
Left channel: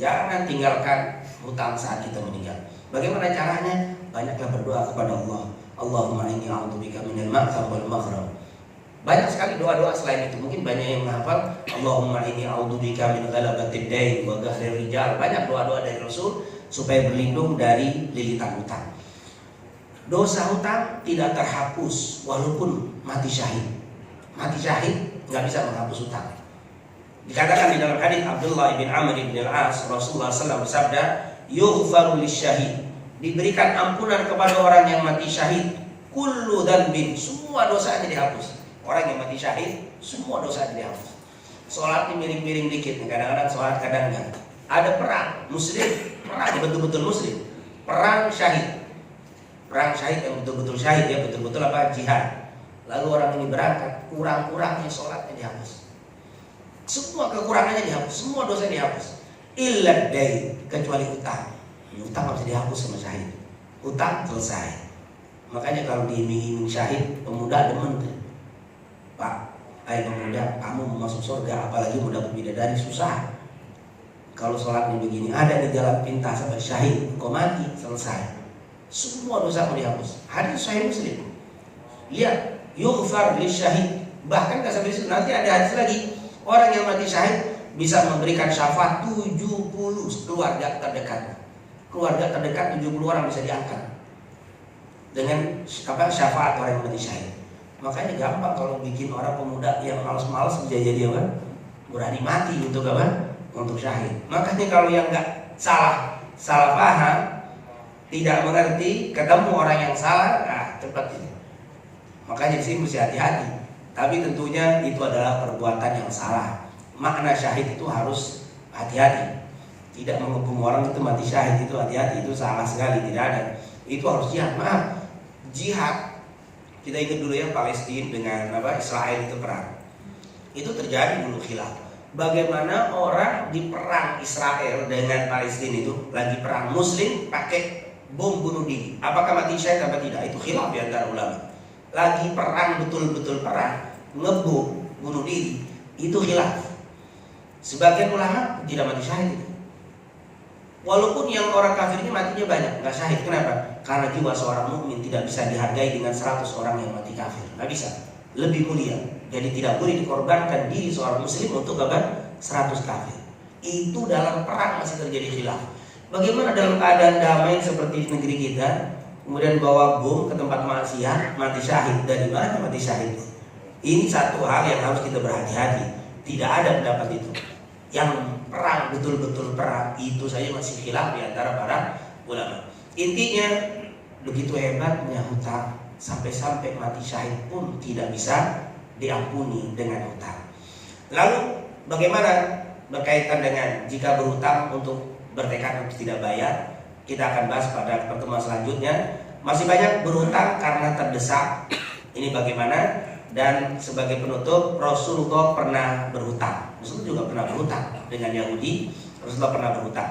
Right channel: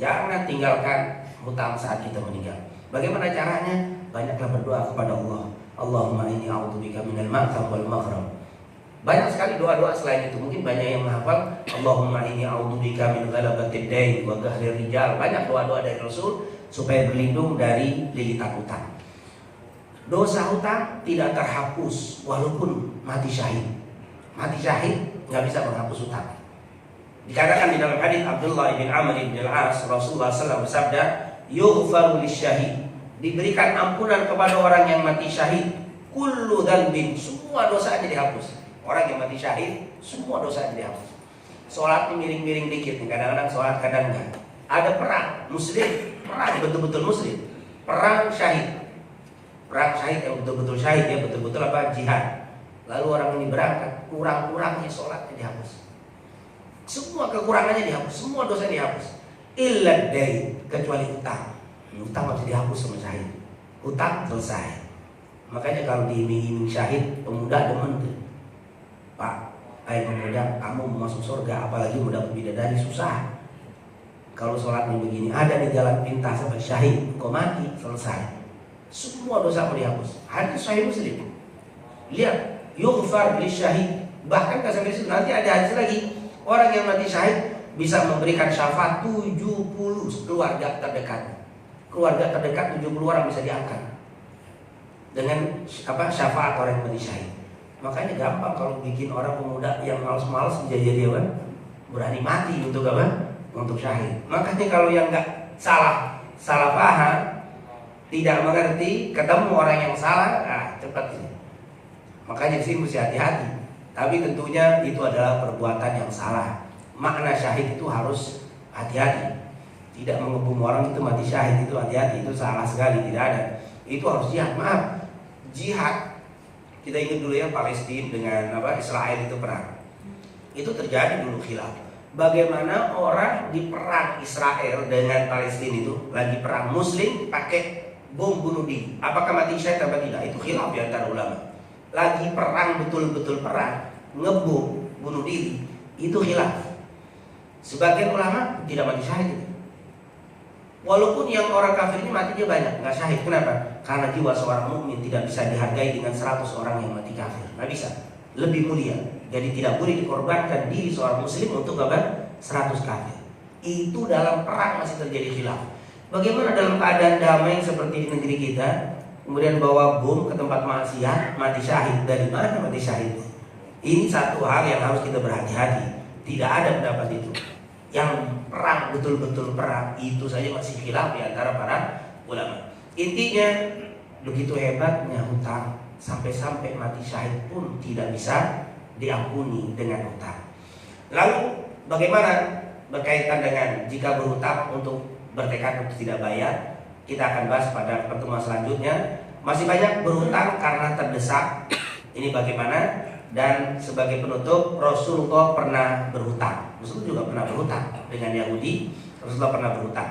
Jangan tinggalkan hutang saat kita meninggal. Bagaimana caranya? Banyaklah berdoa kepada Allah. Allahumma inni a'udzubika minal ma'tham wal maghrib. Banyak sekali doa-doa selain itu. Mungkin banyak yang menghafal Allahumma inni a'udzubika min ghalabatid dain wa qahrir rijal. Banyak doa-doa dari Rasul supaya berlindung dari lilitan hutang. Dosa hutang tidak terhapus walaupun mati syahid. Mati syahid nggak bisa menghapus hutang. Dikatakan di dalam hadis Abdullah bin Amr bin Al-As, Rasulullah SAW bersabda, yughfaru lisyahid, diberikan ampunan kepada orang yang mati syahid, kullu dzanbin, semua dosanya dihapus. Orang yang mati syahid, semua dosanya dihapus. Sholatnya miring-miring dikit, kadang-kadang sholat, kadang enggak. Ada perang muslim, perang betul-betul muslim, perang syahid. Perang syahid yang betul-betul syahid, ya betul-betul jihad. Lalu orang ini berangkat, kurang-kurangnya sholatnya dihapus. Semua kekurangannya dihapus, semua dosa dihapus. Illa dain, kecuali utang. Utang harus dihapus sama syahid. Utang selesai. Makanya kalau diiming-iming syahid, pemuda demen tuh. Pak, pemuda, kamu mau masuk surga, apalagi muda bidadari susah. Kalau sholatnya begini, ada di jalan pintas sampai syahid, kau mati, selesai. Semua dosa mau dihapus. Hadis Sahih Muslim. Lihat, yughfar lisyahid. Bahkan nggak sampai situ, nanti ada hadis lagi. Orang yang mati syahid bisa memberikan syafaat 70 keluarga terdekat. Keluarga terdekat 70 orang bisa diangkat dengan syafaat orang yang mati syahid. Makanya gampang kalau bikin orang pemuda yang malas-malas jadi berani mati untuk untuk syahid. Makanya kalau yang nggak salah paham, tidak mengerti, ketemu orang yang salah, cepat ini. Makanya sih mesti hati-hati. Tapi tentunya itu adalah perbuatan yang salah. Makna syahid itu harus hati-hati. Tidak menghukum orang itu mati syahid itu hati-hati, itu salah sekali, tidak ada. Itu harus jihad. Maaf, jihad. Kita ingat dulu ya Palestina dengan Israel itu perang. Itu terjadi dulu khilaf. Bagaimana orang di perang Israel dengan Palestina itu lagi perang Muslim pakai bom bunuh diri. Apakah mati syahid atau tidak? Itu khilaf di antara ulama. Lagi perang betul-betul perang, ngebom bunuh diri, itu khilaf. Sebagian ulama tidak mati syahid. Walaupun yang orang kafir ini matinya banyak, nggak syahid. Kenapa? Karena jiwa seorang mukmin tidak bisa dihargai dengan 100 orang yang mati kafir. Nggak bisa. Lebih mulia. Jadi tidak boleh dikorbankan diri seorang muslim untuk 100 kafir. Itu dalam perang masih terjadi khilaf. Bagaimana dalam keadaan damai seperti di negeri kita, kemudian bawa bom ke tempat maksiat, mati syahid? Dari mana mati syahid? Ini satu hal yang harus kita berhati-hati. Tidak ada pendapat itu. Yang perang betul-betul perang itu saja masih khilaf di antara para ulama. Intinya begitu hebatnya hutang, sampai-sampai mati syahid pun tidak bisa diampuni dengan hutang. Lalu bagaimana berkaitan dengan jika berhutang untuk bertekad untuk tidak bayar? Kita akan bahas pada pertemuan selanjutnya. Masih banyak berhutang karena terdesak. Ini bagaimana? Dan sebagai penutup, Rasulullah pernah berhutang. Rasulullah juga pernah berhutang dengan Yahudi. Rasulullah pernah berhutang.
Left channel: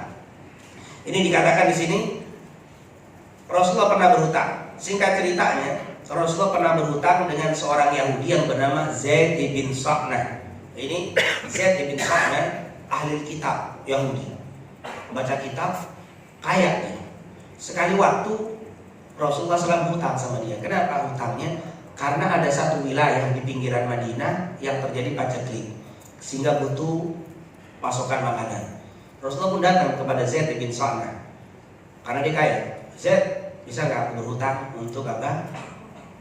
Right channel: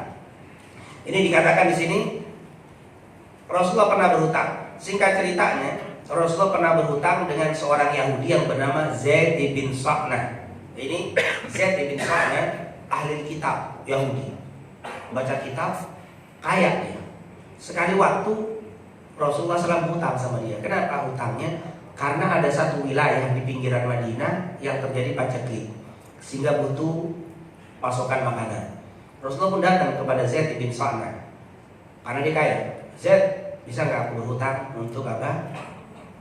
Ini dikatakan di sini Rasulullah pernah berhutang. Singkat ceritanya, Rasulullah pernah berhutang dengan seorang Yahudi yang bernama Zaid bin Sa'nah. Ini Zaid bin Sa'nah ahli kitab Yahudi. Baca kitab, kaya dia. Sekali waktu Rasulullah SAW hutang sama dia. Kenapa hutangnya? Karena ada satu wilayah di pinggiran Madinah yang terjadi paceklik, sehingga butuh pasokan makanan. Rasulullah pun datang kepada Zaid bin Sa'nah karena dia kaya. Zaid, bisa nggak berhutang untuk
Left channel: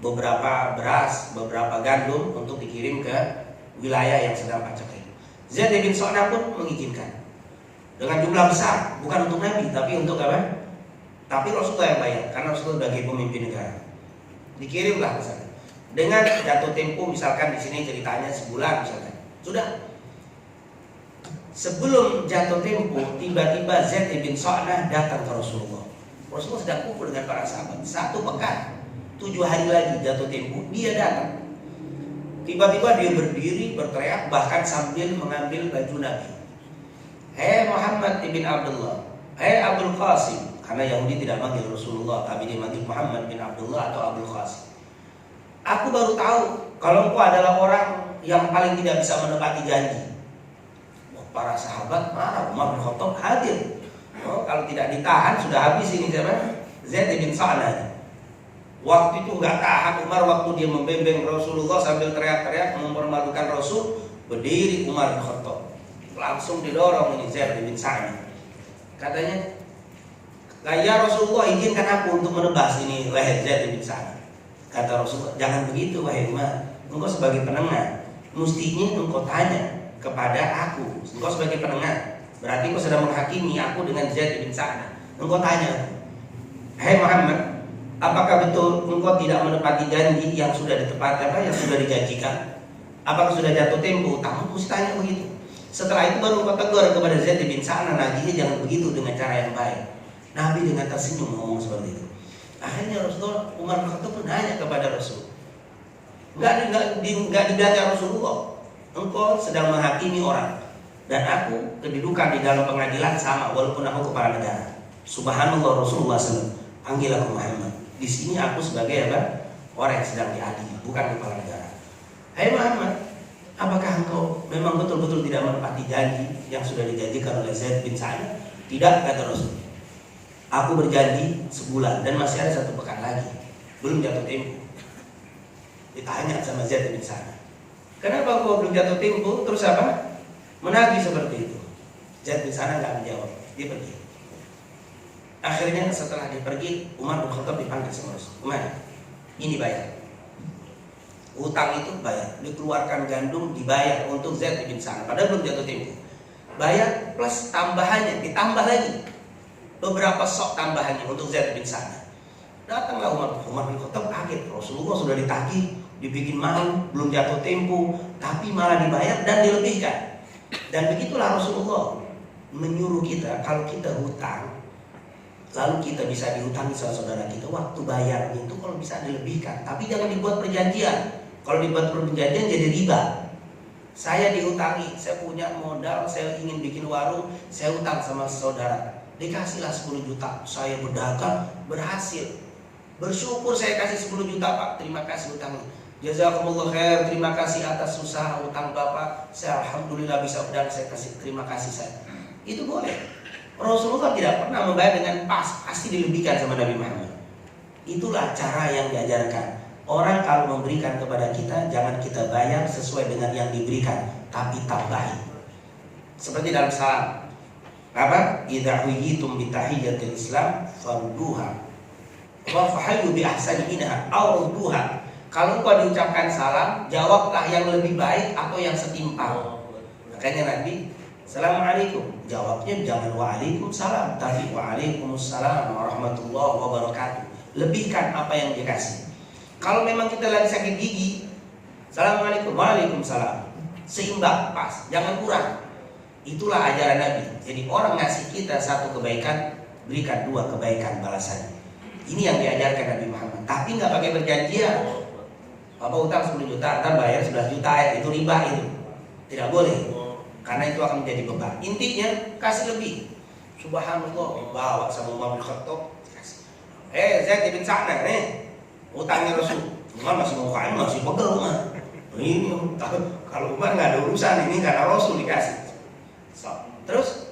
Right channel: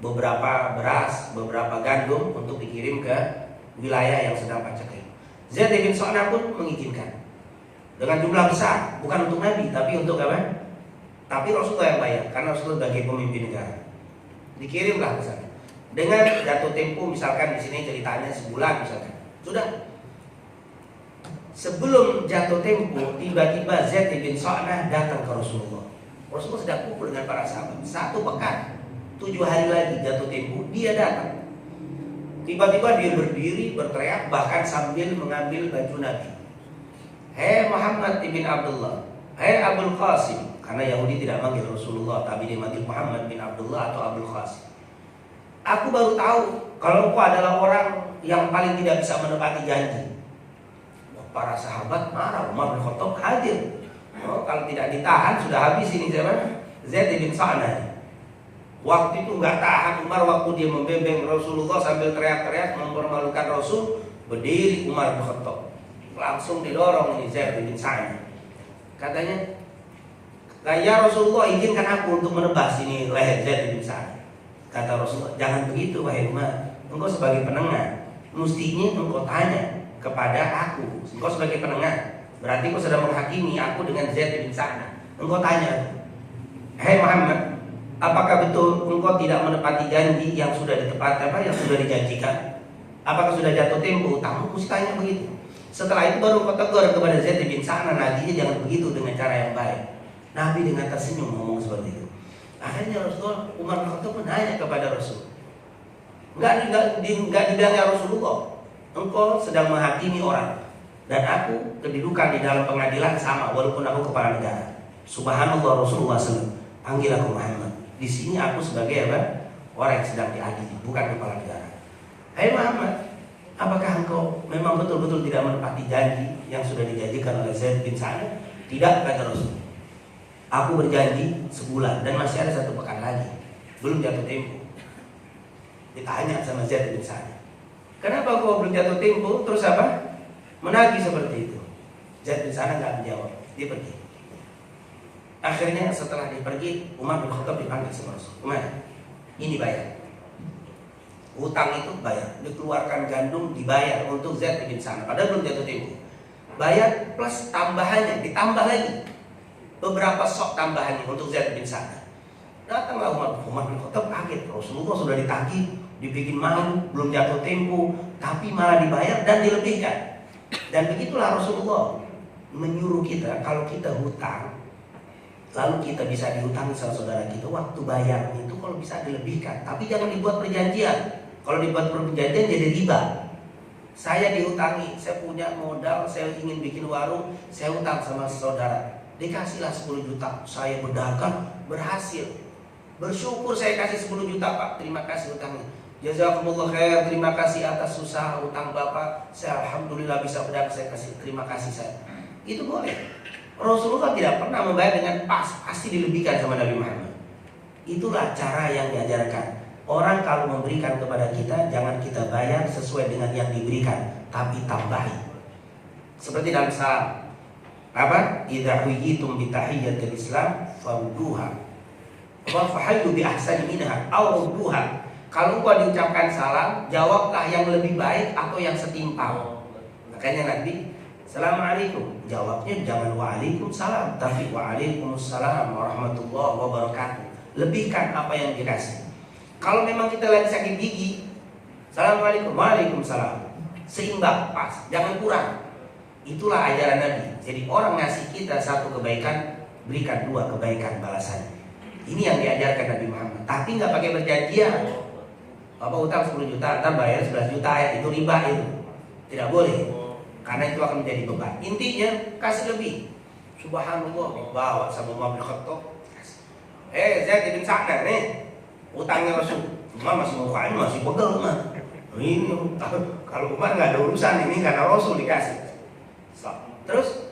beberapa beras, beberapa gandum untuk dikirim ke wilayah yang sedang paceklik? Zaid bin Sa'nah pun mengizinkan dengan jumlah besar, bukan untuk Nabi tapi untuk Tapi Rasulullah yang bayar karena Rasulullah sebagai pemimpin negara. Dikirimlah ke sana. Dengan jatuh tempo, misalkan di sini ceritanya sebulan misalkan. Sudah. Sebelum jatuh tempo, tiba-tiba Zaid bin Sa'nah datang ke Rasulullah. Rasulullah sedang kumpul dengan para sahabat. 1 pekan, 7 hari lagi jatuh tempo, dia datang. Tiba-tiba dia berdiri, berteriak, bahkan sambil mengambil baju Nabi. Hei Muhammad ibn Abdullah, hei Abul Qasim. Karena Yahudi tidak manggil Rasulullah, tapi dia manggil Muhammad bin Abdullah atau Abul Qasim. Aku baru tahu kalau engkau adalah orang yang paling tidak bisa menepati janji. Para sahabat marah, Umar bin Khattab hadir. Kalau tidak ditahan sudah habis ini siapa? Zaid bin Sa'nah. Waktu itu nggak tahan Umar, waktu dia membembeng Rasulullah sambil teriak-teriak mempermalukan Rasul, berdiri Umar bin Khattab, langsung didorong ini Zaid bin Sa'nah. Katanya, ya Rasulullah, izinkan aku untuk menebas ini leher Zaid bin Sa'nah. Kata Rasulullah, jangan begitu wahai Umar, engkau sebagai penengah mestinya engkau tanya kepada aku. Engkau sebagai penengah, berarti engkau sedang menghakimi aku dengan Zaid bin Sa'nah. Engkau tanya, hei Muhammad, apakah betul engkau tidak menepati janji yang sudah ditepati, yang sudah dijanjikan? Apakah sudah jatuh tempo? Kamu mesti tanya begitu. Setelah itu baru engkau tegur kepada Zaid bin Sa'nah, Nabi jangan begitu, dengan cara yang baik. Nabi dengan tersenyum ngomong seperti itu. Akhirnya Rasulullah, Umar bin Khattab menanya kepada Rasul, Enggak dibilang ya Rasulullah, engkau sedang menghakimi orang dan aku kedudukan di dalam pengadilan sama walaupun aku kepala negara. Subhanallah, Rasulullah SAW, panggil aku Muhammad. Di sini aku sebagai apa? Orang yang sedang diadili, bukan kepala negara. Hai Muhammad, apakah engkau memang betul-betul tidak menepati janji yang sudah dijanjikan oleh Zaid bin Sa'nah? Tidak, kata Rasul. Aku berjanji sebulan dan masih ada 1 pekan lagi, belum jatuh tempo. Ditanya sama Zaid bin Sa'nah, kenapa kau belum jatuh tempo? Terus apa? Menagih seperti itu. Zaid bin Sa'nah nggak menjawab, dia pergi. Akhirnya setelah dia pergi, Umar bin Khattab dipanggil sama Rasul. Umar, ini bayar. Utang itu bayar, dikeluarkan gandum dibayar untuk Zaid bin Sa'nah. Padahal belum jatuh tempo. Bayar plus tambahannya, ditambah lagi beberapa sok tambahannya untuk Zaid bin Sa'nah. Datanglah Umar bin Khattab kaget. Rasulullah sudah ditagih, dibikin malu, belum jatuh tempo, tapi malah dibayar dan dilebihkan. Dan begitulah Rasulullah menyuruh kita, kalau kita hutang, lalu kita bisa dihutangi sama saudara kita, waktu bayar itu kalau bisa dilebihkan, tapi jangan dibuat perjanjian. Kalau dibuat perjanjian jadi riba. Saya dihutangi, saya punya modal, saya ingin bikin warung, saya hutang sama saudara, dikasihlah 10 juta, saya berdagang, berhasil. Bersyukur saya kasih 10 juta Pak, terima kasih hutangnya. Jazakumullah khair, terima kasih atas usaha hutang Bapak. Saya alhamdulillah bisa berdagang, saya kasih terima kasih saya. Itu boleh. Rasulullah tidak pernah membayar dengan pasti dilebihkan sama Nabi Muhammad. Itulah cara yang diajarkan. Orang kalau memberikan kepada kita, jangan kita bayar sesuai dengan yang diberikan, tapi tambahi. Seperti dalam salam. Apa? Idza huyitum bi tahiyyatil Islam farduha wa fahayyu bi ahsani minha aw rudduha. Kalau engkau diucapkan salam, jawablah yang lebih baik atau yang setimpal. Makanya Nabi, Assalamualaikum, jawabnya jangan waalaikumsalam, tapi waalaikumsalam warahmatullahi wabarakatuh. Lebihkan apa yang dikasih. Kalau memang kita lagi sakit gigi, Assalamualaikum, waalaikumsalam, seimbang, pas, jangan kurang. Itulah ajaran Nabi. Jadi orang ngasih kita 1 kebaikan, berikan 2 kebaikan balasannya. Ini yang diajarkan Nabi Muhammad. Tapi nggak pakai perjanjian. Bapak utang 10 juta, ntar bayar 11 juta, itu riba itu. Tidak boleh. Karena itu akan menjadi beban. Intinya kasih lebih. Subhanallah, dibawa sama Umar bin Khattab. Zaid bin Sa'nah nih, utangnya Rasul. Umar masih mukanya masih pegel mah. Ini kalau Umar nggak ada urusan ini karena Rasul dikasih. Terus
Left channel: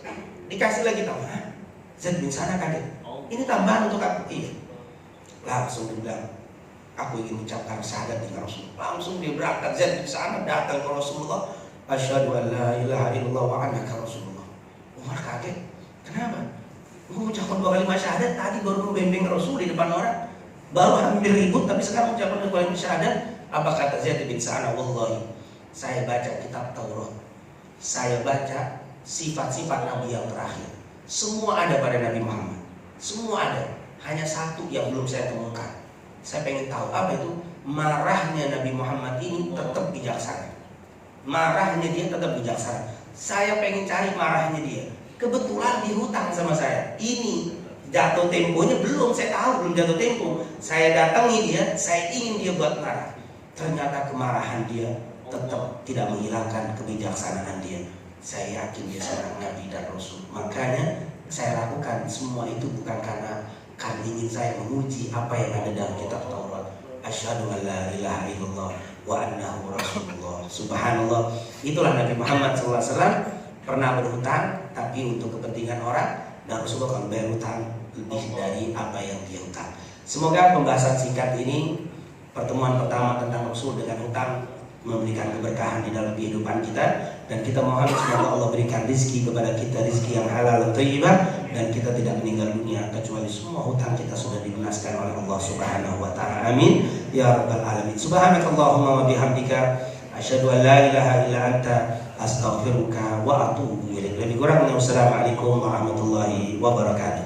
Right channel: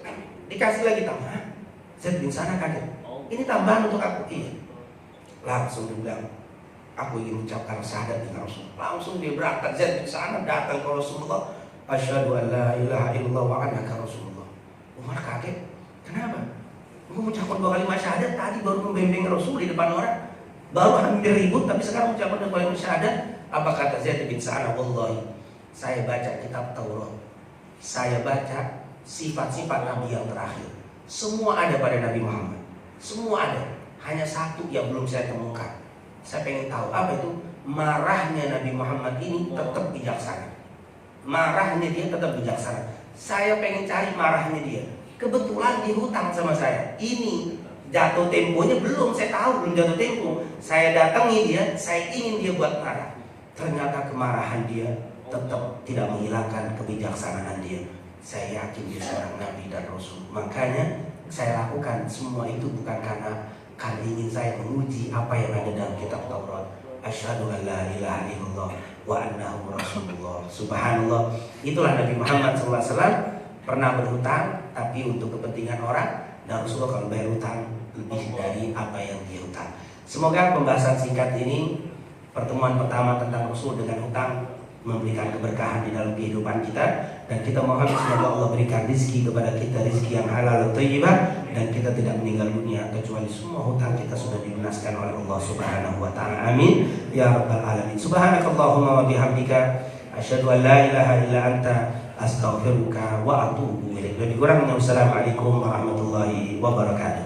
dikasih lagi tambahan. Zaid bin Sa'nah kaget. Ini tambahan untuk aku. Iya. Langsung dibilang, aku ingin ucapkan syahadat dengan Rasul. Langsung dia berangkat. Zaid bin Sa'nah datang ke Rasulullah. Asyhadu an la ilaha illallah wa annaka Rasulullah. Umar kaget. Kenapa? Gue ucapkan 2 kalimat syahadat, tadi baru membimbing Rasul di depan orang, baru hampir ribut, tapi sekarang ucapkan 2 kalimat syahadat. Apa kata Zaid bin Sa'nah? Wallahi, saya baca kitab Taurat, saya baca sifat-sifat Nabi yang terakhir, semua ada pada Nabi Muhammad, semua ada. Hanya 1 yang belum saya temukan. Saya pengen tahu apa itu. marahnya Nabi Muhammad ini tetap bijaksana. Marahnya dia tetap bijaksana. Saya pengen cari marahnya dia. Kebetulan dia hutang sama saya. Ini jatuh temponya belum, saya tahu belum jatuh tempo. Saya datangi dia, saya ingin dia buat marah. Ternyata kemarahan dia tetap tidak menghilangkan kebijaksanaan dia. Saya yakin dia seorang Nabi dan Rasul. Makanya saya lakukan semua itu bukan karena ingin saya menguji apa yang ada dalam kitab Taurat. Asyhadu an la ilaha illallah wa annahu rasulullah. Subhanallah. Itulah Nabi Muhammad SAW pernah berhutang, tapi untuk kepentingan orang, dan Rasulullah kalau bayar hutang lebih dari apa yang dia hutang. Semoga pembahasan singkat ini, pertemuan pertama tentang Rasul dengan hutang, memberikan keberkahan di dalam kehidupan kita, dan kita mohon semoga Allah berikan rezeki kepada kita, rezeki yang halal dan thayyibah, dan kita tidak meninggal dunia kecuali semua hutang kita sudah dilunaskan oleh Allah Subhanahu wa taala. Amin ya rabbal alamin. Subhanakallahumma wa bihamdika asyhadu an la ilaha illa anta astaghfiruka wa atubu ilaik. Lebih kurangnya wassalamualaikum warahmatullahi wabarakatuh.